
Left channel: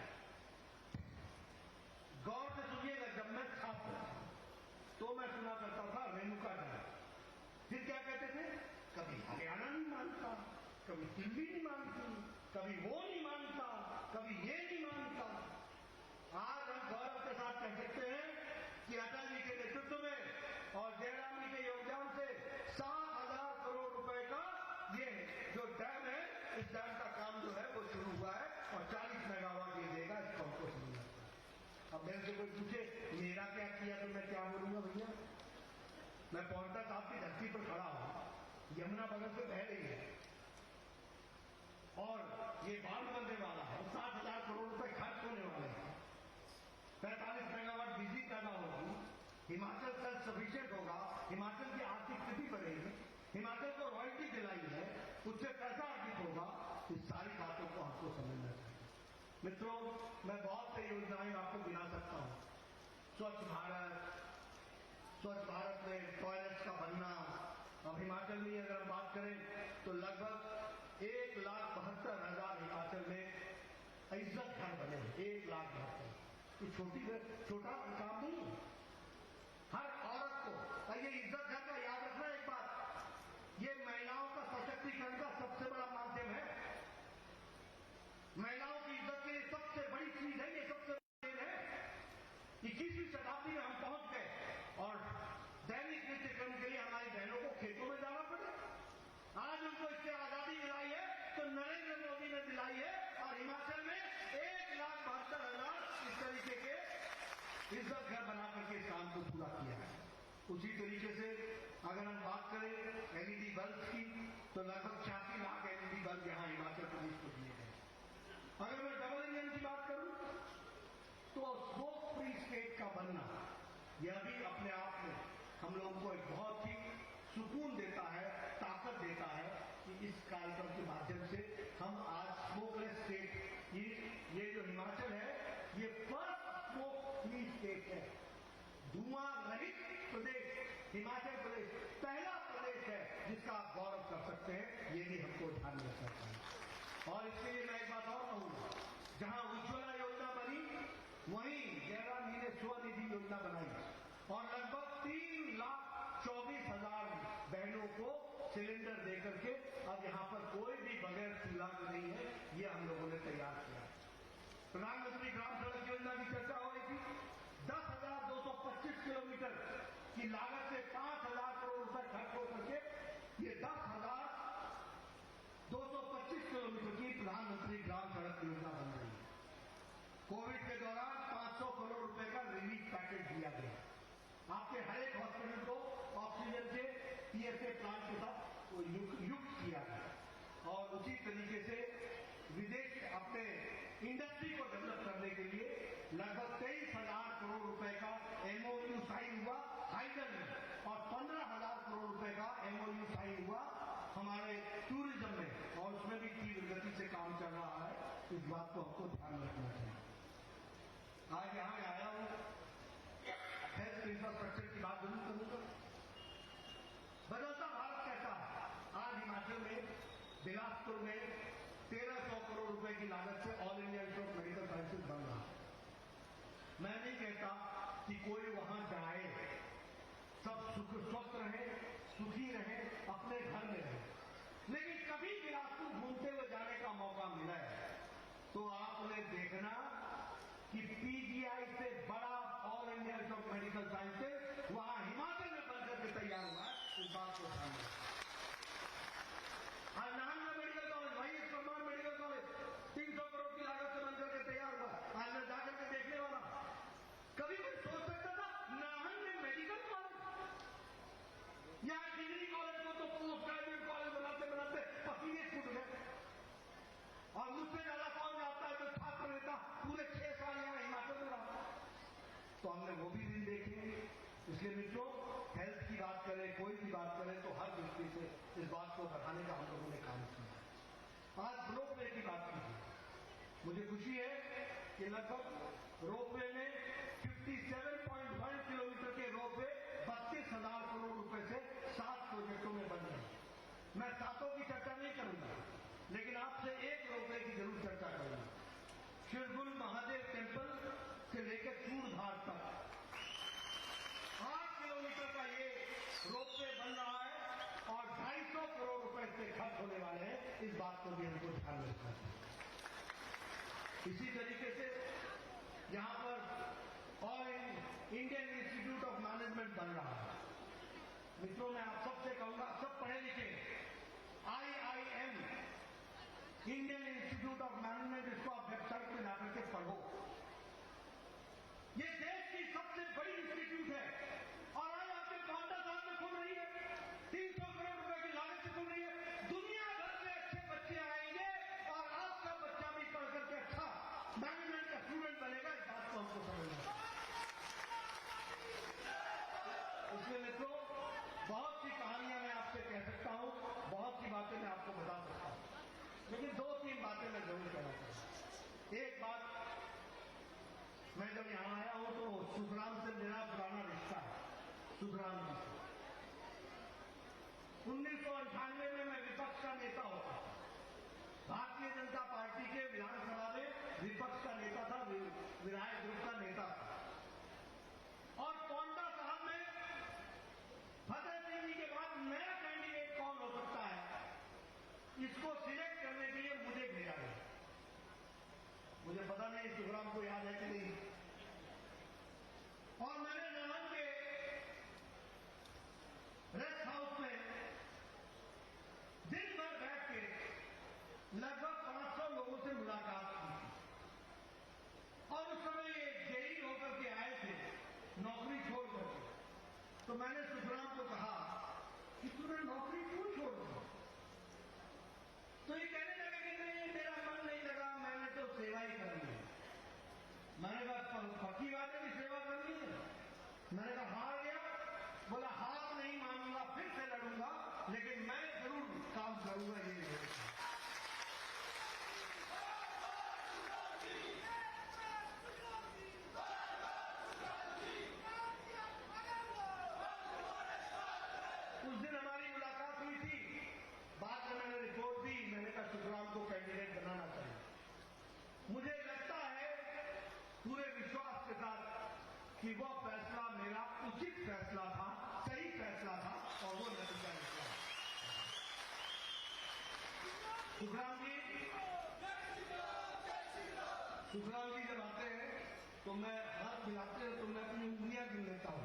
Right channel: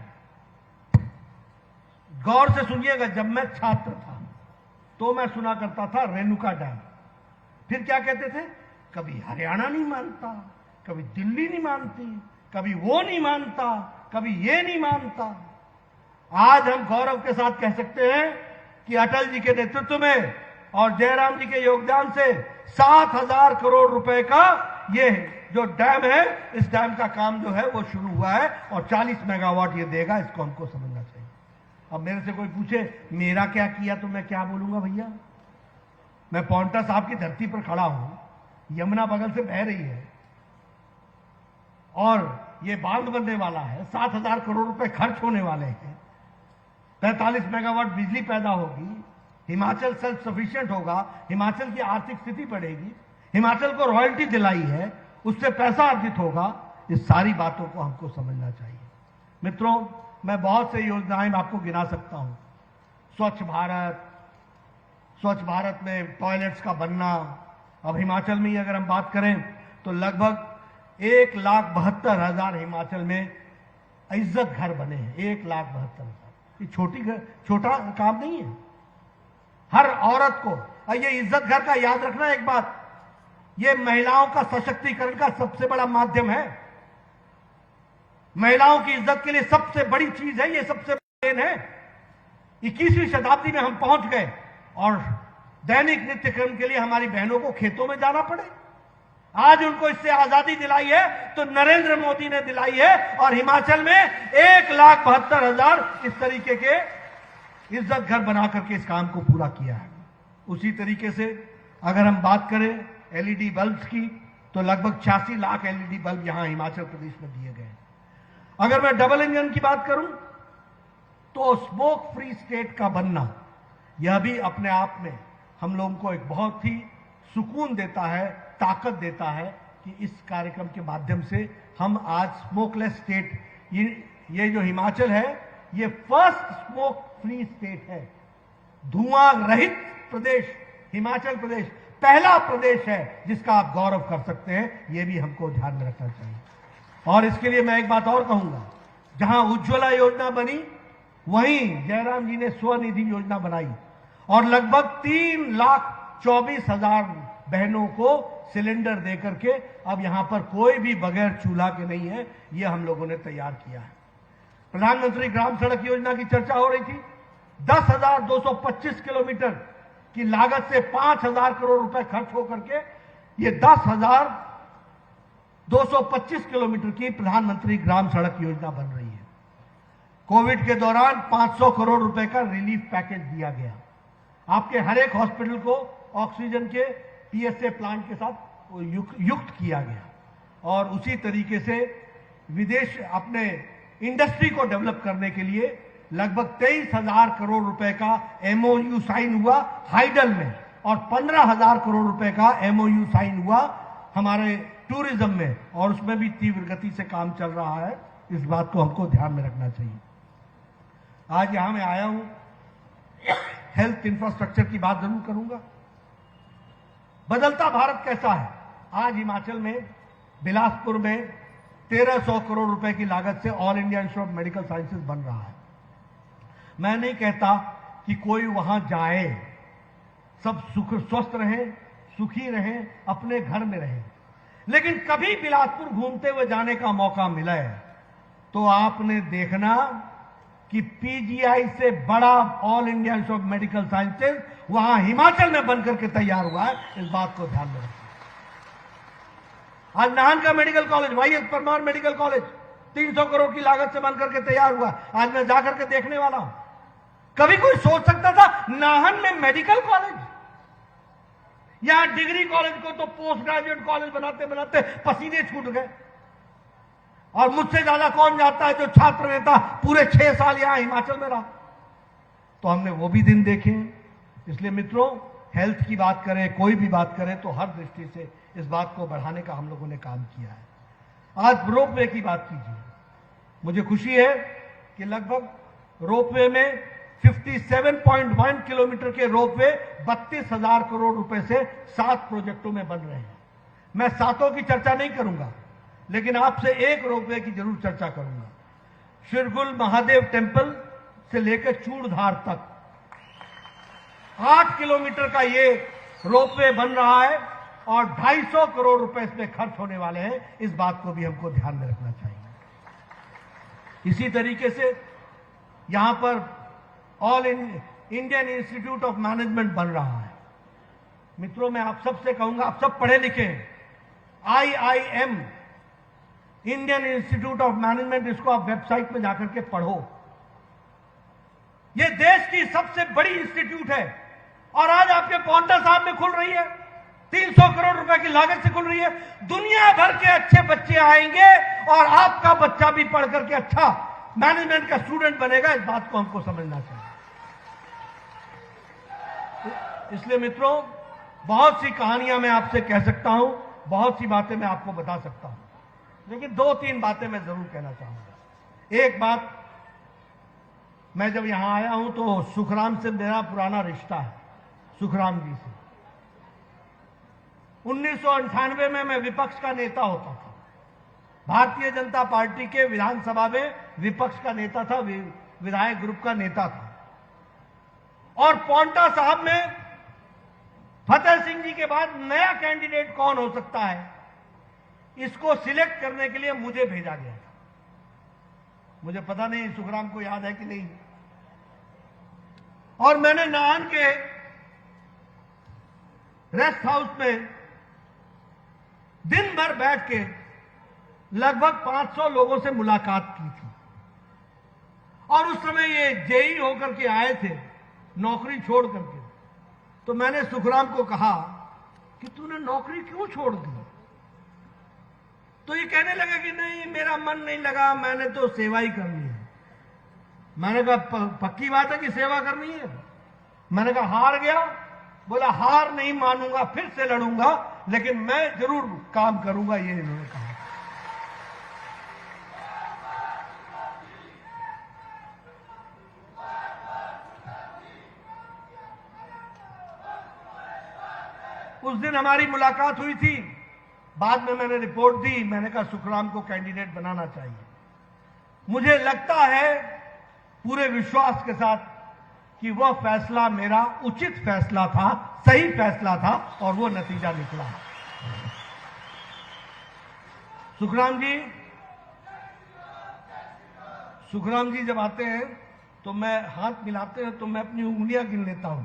गौर से सुनिएगा, जब मैं छात्र था तो मैं सुना करता था रेणुका डैम। फिर क्या कहते थे? कभी हरियाणा नहीं मानता, कभी दिल्ली नहीं मानती, कभी वो नहीं मानता, कभी ये नहीं मानता। आज हम गौरव के साथ कह सकते हैं कि अटल जी के नेतृत्व में और जयराम जी के योगदान से 7,000 करोड़ रुपए का ये जो डैम है, इस डैम का काम जो है वो शुरू हुआ है और 40 मेगावाट ये देगा। इसको हमको समझना चाहिए। अब मेरे से कोई पूछे मेरा क्या किया तो मैं क्या बोलूंगा? भैया, मैं पौंटा साहब की धरती पर खड़ा हूं, यमुना बगल से बह रही है और ये बांध बनने वाला है, 7,000 करोड़ रुपए खर्च होने वाले हैं, 45 मेगावाट बिजली पैदा होगी, हिमाचल सेल्फ सफिशिएंट होगा, हिमाचल की आर्थिक स्थिति बढ़ेगी, हिमाचल को रॉयल्टी दिलाई है, उससे पैसा अर्जित होगा। इस सारी बातों को हमको समझना चाहिए। मित्रों, मैं बहुत से योजनाएं आपको गिना सकता हूं। स्वच्छ भारत में टॉयलेट्स का बनना। अब हिमाचल में ही अगर हम बात करें तो लगभग 1,72,000 हिमाचल में इज्जत घर बने हैं। 1,72,000। ये छोटा काम नहीं है। हर औरत को, और ये इज्जत घर का याद रखना एक बात, ये महिलाओं का सशक्तिकरण का सबसे बड़ा माध्यम है। महिलाओं की इज्जत के लिए सबसे बड़ी चीज है, ये सबसे बड़ी देन है। 21वीं शताब्दी में हम पहुंच गए और दैनिक नित्य कर्म के लिए हमारी बहनों को खेतों में जाना पड़े। आज उनको इससे आजादी दिलाई है तो नरेंद्र मोदी ने दिलाई है। और हिमाचल में 1,72,000 इस तरीके के इज्जत घर बना करके इस काम को पूरा किया है। उसी तरीके से अगर हम बात करें एलईडी बल्ब की तो लगभग 86 लाख एलईडी बल्ब यहां हिमाचल प्रदेश में दिए गए। अगर मैं डबल इंजन की बात करूं तो स्मोक फ्री स्टेट का बनना, यह भी अपने आप में हम लोगों को एक बहुत ही सुकून देता है, ताकत देता है कि इस कार्यक्रम के माध्यम से हम आज स्मोकलेस स्टेट, ये जो हिमाचल है ये फर्स्ट स्मोक फ्री स्टेट है। धुआं रहित प्रदेश हिमाचल प्रदेश पहला प्रदेश है जिसका आप गौरव कर सकते हैं। यह भी हमको ध्यान में रखना चाहिए। और इसके लिए मैं एक बात और कहूंगा, जहां उज्ज्वला योजना बनी वहीं जयराम जी ने स्वनिधि योजना बनाई और लगभग 3,24,000 बहनों को सिलेंडर देकर के अब यहां पर कोई भी बगैर चूल्हा के नहीं है। यह हम लोगों ने तैयार किया है। प्रधानमंत्री ग्राम सड़क योजना की चर्चा हो रही थी। 10,225 किलोमीटर की लागत से 5,000 करोड़ रुपए खर्च होकर के ये 10,225 किलोमीटर की प्रधानमंत्री ग्राम सड़क योजना बन रही है। कोविड के दौरान 500 करोड़ रुपए का रिलीफ पैकेज दिया गया। आपके हर एक हॉस्पिटल को ऑक्सीजन के टीएसए प्लांट के साथ युक्त किया गया और उसी तरीके से विदेश अपने इंडस्ट्री को डेवलप करने के लिए लगभग 23,000 करोड़ रुपए का एमओयू साइन हुआ हाइडल में और 15,000 करोड़ रुपए का एमओयू साइन हुआ हमारे टूरिज्म में, और उसमें भी तीव्र गति से काम चल रहा है। इस बात को हमको ध्यान में रखना चाहिए। आज यहां मैं आया हूं, हेल्थ इंफ्रास्ट्रक्चर की बात जरूर करूंगा। बदलता भारत कैसा है? आज हिमाचल में बिलासपुर में 1,300 करोड़ रुपए की लागत से all India institute of medical sciences बन रहा है। मैं नहीं कहता कि कोई वहां जाए, सब स्वस्थ रहें, सुखी रहें, अपने घर में रहें, लेकिन कभी बिलासपुर घूमते हुए जाने का मौका मिला है तो आपने देखना कि पीजीआई से बड़ा all India institute of medical sciences वहां हिमाचल में बनकर के तैयार हुआ है। इस बात को ध्यान में रखें। आज नाहन का medical college, YS Parmar medical college 300 crore की लागत से बनकर के तैयार हुआ। आज मैं जाकर के देखने वाला हूं। कभी कोई सोच सकता था नाहन में मेडिकल कॉलेज? यहां डिग्री कॉलेज को तो पोस्ट ग्रेजुएट कॉलेज बनाते बनाते पसीने छूट गए। और मुझसे ज्यादा कौन जाता है जो छात्र नेता पूरे 6 साल यहां हिमाचल में रहा। तो हमने वो भी दिन देखे। इसलिए मित्रों, हेल्थ की बात करें, कोई भी बात करें, तो हर दृष्टि से इस बात को बढ़ाने का हम लोगों ने काम किया है। आज रोपवे की बात कीजिए। मुझे खुशी है कि लगभग रोपवे में 57.1 किलोमीटर के रोपवे 32,000 करोड़ रुपए से 7 प्रोजेक्टों में बन रहे हैं। मैं 7 की चर्चा नहीं करूंगा, लेकिन आपसे एक रोपवे की जरूर चर्चा करूंगा। शिरगुल महादेव टेम्पल से लेकर चूड़धार तक 8 किलोमीटर का ये रोपवे बन रहा है और 250 करोड़ रुपए इसमें खर्च होने वाले हैं। इस बात को भी हमको ध्यान में रखना चाहिए। इसी तरीके से यहां पर all Indian institute of management बन रहा है। मित्रों, मैं आप सबसे कहूंगा, आप सब पढ़े लिखे हैं। IIM Indian institute of management, इसको आप वेबसाइट में जाकर के पढ़ो। यह देश की सबसे बड़ी इंस्टीट्यूट है और आज आपके पौंटा साहब में खुल रही है। 300 करोड़ रुपए की लागत से खुल रही है। दुनिया भर के अच्छे बच्चे आएंगे और आपका बच्चा भी पढ़ करके अच्छा मैनेजमेंट का स्टूडेंट बनेगा। इस बात को हमको समझना चाहिए। इसलिए मित्रों, बहुत सी कहानियां मैं आपसे कह सकता हूं, बहुत सी बातें मैं आपको बता सकता हूं, लेकिन 2-3 बातें मैं जरूर कहना चाहूंगा। एक बात, मैं जब यहां आया हूं तो सुखराम से मेरा पुराना रिश्ता है, सुखराम जी से। 1998 में मैं विपक्ष का नेता होता था, भारतीय जनता पार्टी के विधानसभा में विपक्ष का नेता था, विधायक ग्रुप का नेता था। और पौंटा साहब में फतेह सिंह जी के बाद नया कैंडिडेट कौन हो सकता है, इसको सिलेक्ट करने के लिए मुझे भेजा गया। मुझे पता नहीं सुखराम को याद है कि नहीं। और मैंने नाहन के रेस्ट हाउस में दिन भर बैठ के लगभग 500 लोगों से मुलाकात की थी। और उस समय ये जेई होकर के आए थे, नौकरी छोड़ करके। तो मैंने सुखराम को कहा कि तूने नौकरी क्यों छोड़ दी? तो ये कहने लगा कि नहीं, मेरा मन नहीं लगा, मैंने तो सेवा ही करनी है। मैंने कहा पक्की बात है कि सेवा करनी है? मैंने कहा हार गया? बोला हार नहीं मानूंगा, फिर से लड़ूंगा, लेकिन मैं जरूर काम करूंगा, ये इन्होंने कहा। उस दिन हमारी मुलाकात हुई थी। बाद में मैंने रिपोर्ट दी, मैंने कहा सुखराम को कैंडिडेट बनाना चाहिए। मुझे लगता है पूरे विश्वास के साथ कि वह फैसला मेरा उचित फैसला था, सही फैसला था और वो नतीजा निकला। सुखराम जी जब आते हैं तो मैं हाथ मिलाते हैं तो मैं अपनी उंगलियां गिन लेता हूं।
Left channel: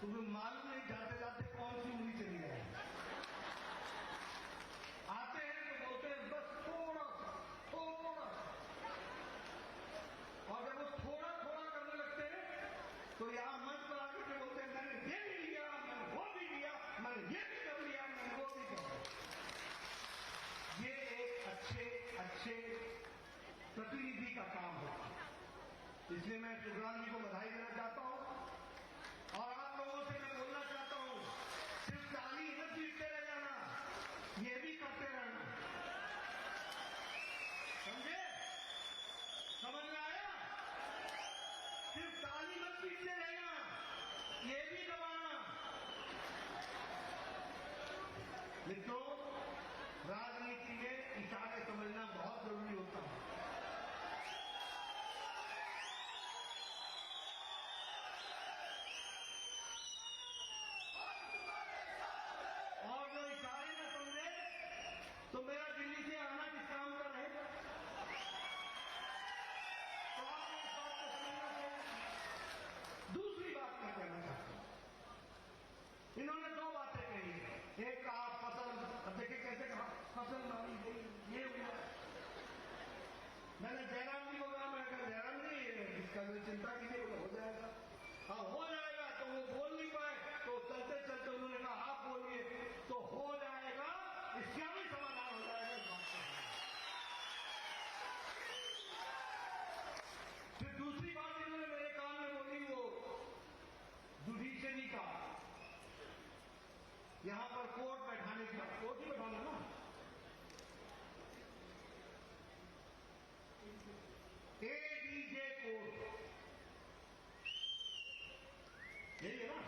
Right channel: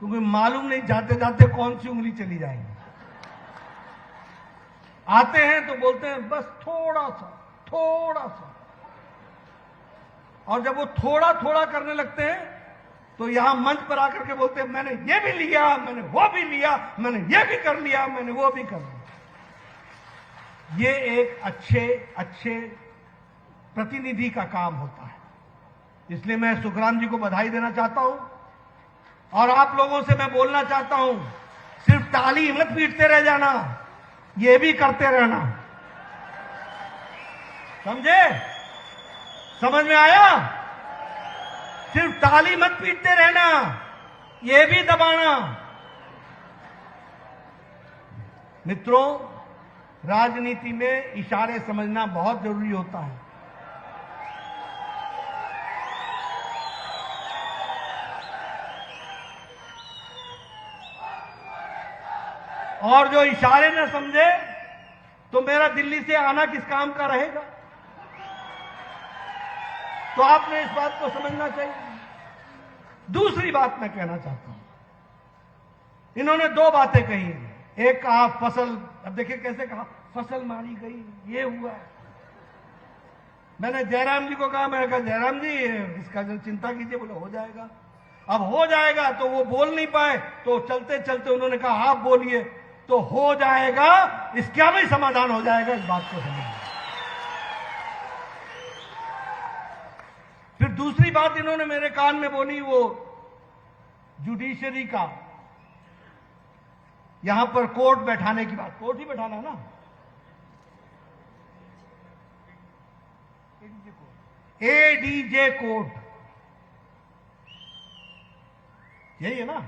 क्योंकि मालूम नहीं जाते जाते कौन सी उंगली चली जाएगी। आते हैं तो बोलते हैं बस थोड़ा सा, थोड़ा सा, और जब वो थोड़ा थोड़ा करने लगते हैं तो यहां मंच पर आकर के बोलते हैं मैंने ये भी लिया, मैंने वो भी लिया, मैंने ये भी कर लिया, मैंने वो भी कर लिया। ये एक अच्छे प्रतिनिधि का काम होता है। इसलिए मैं सुखराम जी को बधाई देना चाहता हूं और आप लोगों से मैं बोलना चाहता हूं, सिर्फ ताली मत पीटते रह जाना, ये भी करते रहना। समझे? समझ में आया? सिर्फ ताली मत पीटते रहना, ये भी दबाना। मित्रों, राजनीति में इशारे समझना बहुत जरूरी होता है। और जो इशारे न समझे तो मेरा दिल्ली से आना किस काम का रहेगा? तो आपने इस बात को समझना चाहिए। दूसरी बात मैं कहना चाहता हूं, इन्होंने दो बातें कही। एक कहा फसल, अब देखिए कैसे कहा, फसल मारी गई, ये हुआ। मैंने जयराम जी को कहा, मैं कहा जयराम जी इसका जो चिंता कीजिए, बोले हो जाएगा। अब हो जाएगा तो वो बोल नहीं पाए, तो चलते चलते उन्होंने कहा आप बोलिए, तो हो जाएगा, इसका भी समाधान हो जाएगा, इस बात को समझिए। फिर दूसरी बात इन्होंने मेरे कान में बोली, वो जुडिशरी का यहां पर कोर्ट बैठाने की बात। कोर्ट ही बैठाना ना, एडीजे कोर्ट, यही है ना,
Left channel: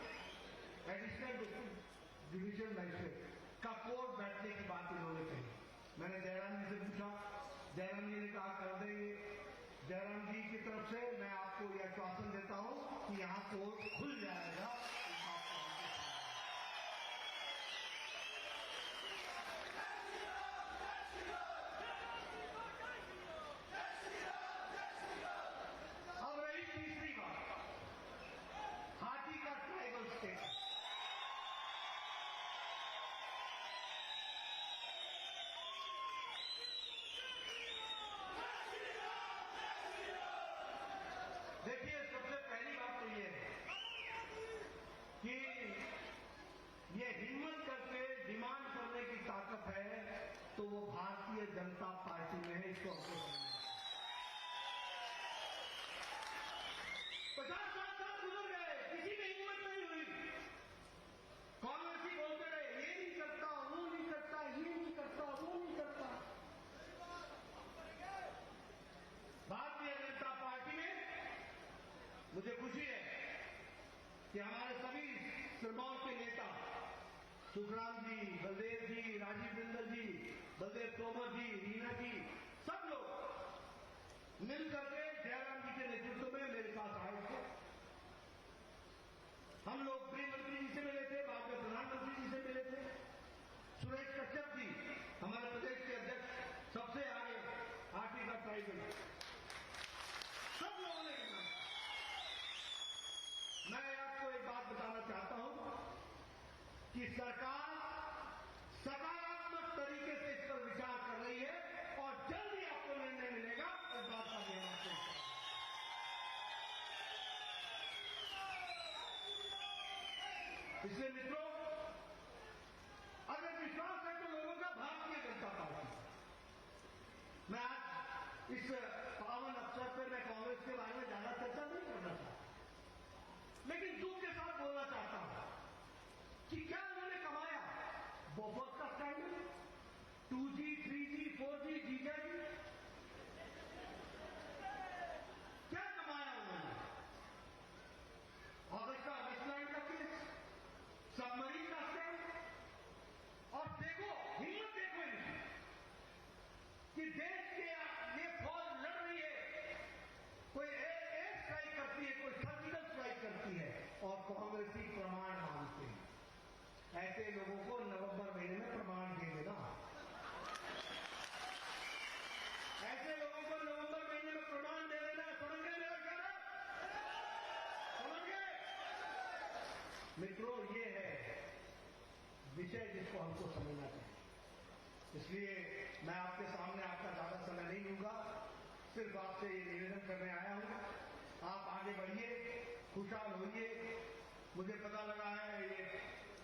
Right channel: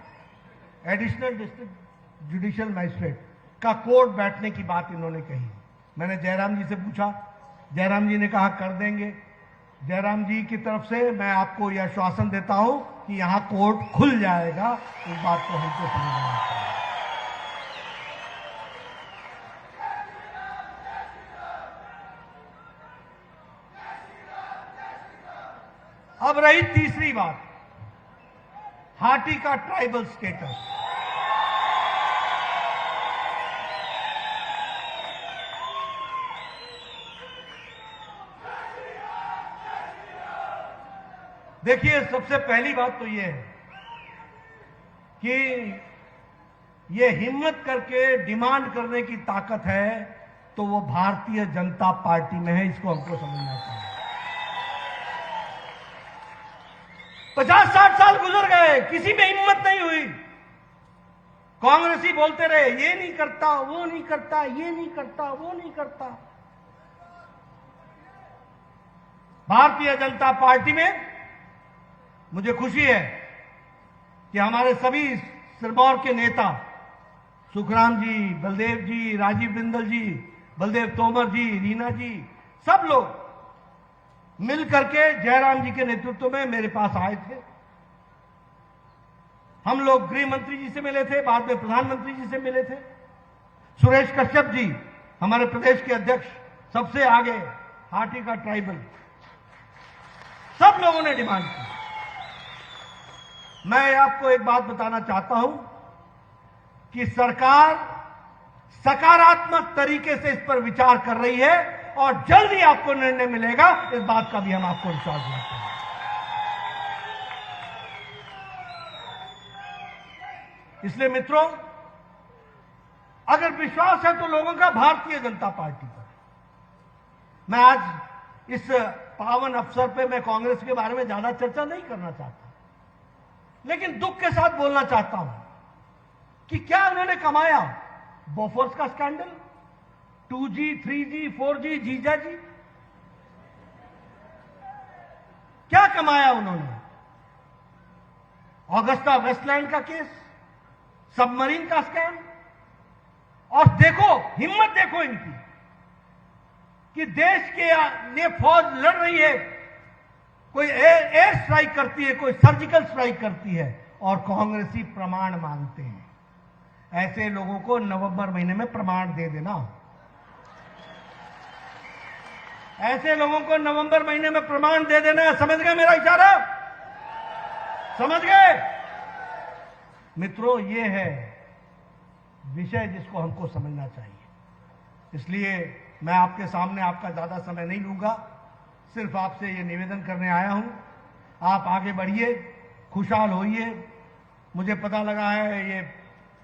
एडिशनल डिस्ट्रिक्ट जुडिशियल मैजिस्ट्रेट का कोर्ट बैठने की बात इन्होंने कही। मैंने जयराम जी से पूछा, जयराम जी ने कहा कर देंगे। जयराम जी की तरफ से मैं आपको यह आश्वासन देता हूं कि यहां कोर्ट खुल जाएगा, इस बात को हमको समझना चाहिए। अब रही तीसरी बात, हाटी का ट्राइबल स्टेटस। देखिए, सबसे पहली बात तो यह है कि ये हिम्मत करके डिमांड करने की ताकत है तो वो भारतीय जनता पार्टी में है, इसको हमको समझना चाहिए। 50-60 साल गुजर गए, किसी में हिम्मत नहीं हुई। कांग्रेसी बोलते रहे ये नहीं करता, वो नहीं करता, ये नहीं करता, वो नहीं करता। भारतीय जनता पार्टी में मुझे खुशी है कि हमारे सभी सिरमौर के नेता, सुखराम जी, बलदेव जी, राजीव बिंदल जी, बलदेव तोमर जी, रीना जी, सब लोग मिलकर के जयराम जी के नेतृत्व में मेरे पास आए थे। हम लोग गृह मंत्री जी से मिले थे, बाद में प्रधानमंत्री जी से मिले थे। सुरेश कश्यप जी, हमारे प्रदेश के अध्यक्ष, सबसे आगे हाटी का ट्राइबल, सब लोगों ने डिमांड की। मैं आपको एक बात बताना चाहता हूं कि सरकार सकारात्मक तरीके से इस पर विचार कर रही है और जल्दी आपको निर्णय मिलेगा, इस बात का भी हम आपको विश्वास दिलाते हैं। इसलिए मित्रों, अगर विश्वास है तो लोगों का भारतीय जनता पार्टी पर। मैं आज इस पावन अवसर पे मैं कांग्रेस के बारे में ज्यादा चर्चा नहीं करना चाहता, लेकिन दुख के साथ बोलना चाहता हूं कि क्या उन्होंने कमाया? बोफोर्स का स्कैंडल, 2G, 3G, 4G, जीजा जी, क्या कमाया उन्होंने? ऑगस्टा वेस्टलैंड का केस, सबमरीन का स्कैम, और देखो हिम्मत देखो इनकी कि देश के लिए फौज लड़ रही है, कोई एयर स्ट्राइक करती है, कोई सर्जिकल स्ट्राइक करती है, और कांग्रेसी प्रमाण मांगते हैं। ऐसे लोगों को नवंबर महीने में प्रमाण दे देना, ऐसे लोगों को नवंबर महीने में प्रमाण दे देना। समझ गए मेरा इशारा? समझ गए? मित्रों, ये है विषय जिसको हमको समझना चाहिए। इसलिए मैं आपके सामने आपका ज़्यादा समय नहीं लूँगा, सिर्फ आपसे ये निवेदन करने आया हूँ, आप आगे बढ़िए, खुशहाल होइए। मुझे पता लगा है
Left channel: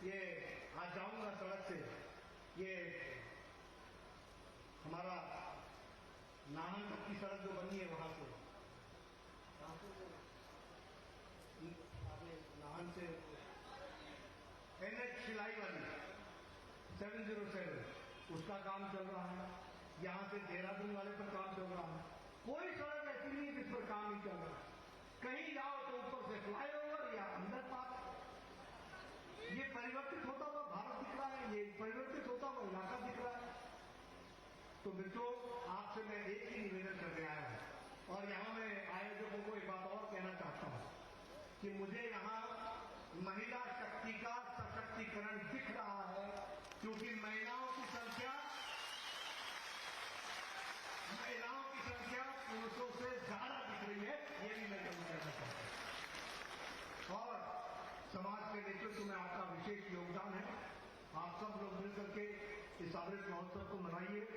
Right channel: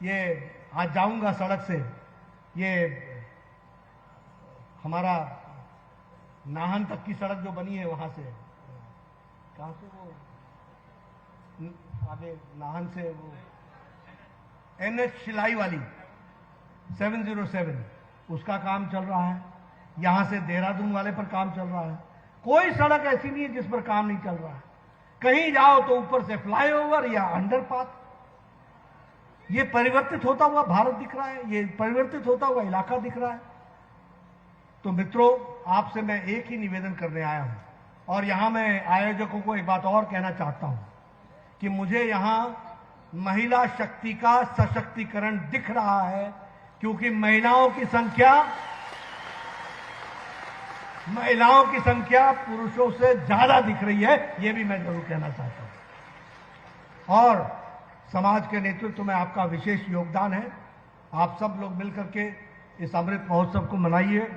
ये आज जाऊँगा सड़क से, ये हमारा नाहन तक की सड़क जो बनी है वहाँ से, कहाँ से वो आगे नाहन से वो NH शिलाई वाली 707, उसका काम चल रहा है। यहाँ से देहरादून वाले पर काम चल रहा है। कोई सड़क ऐसी नहीं है जिस पर काम नहीं चल रहा है। कहीं जाओ तो ऊपर से फ्लाईओवर या अंडरपाथ। ये परिवर्तित होता हुआ भारत दिख रहा है, ये परिवर्तित होता हुआ इलाका दिख रहा है। तो मित्रों, आपसे मैं एक ही निवेदन करने आया हूँ, और यहाँ मैं आयोजकों को एक बात और कहना चाहता हूँ कि मुझे यहाँ महिला शक्ति का सशक्तिकरण दिख रहा है, क्योंकि महिलाओं की संख्या पुरुषों से ज्यादा दिख रही है, ये भी मैं जरूर कहना चाहता हूं। और समाज के नेतृत्व में आपका विशेष योगदान है। आप सब लोग मिलकर के इस अमृत महोत्सव को मनाइए,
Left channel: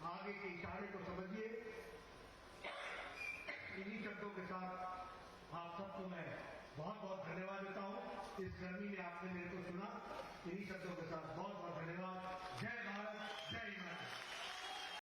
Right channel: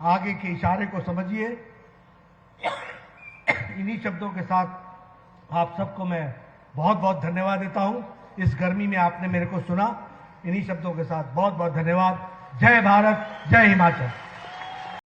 आगे के इशारे को समझिए। इन्हीं शब्दों के साथ आप सबको मैं बहुत बहुत धन्यवाद देता हूं। इस गर्मी में आपने मेरे को सुना। इन्हीं शब्दों के साथ बहुत बहुत धन्यवाद। जय भारत, जय हिमाचल।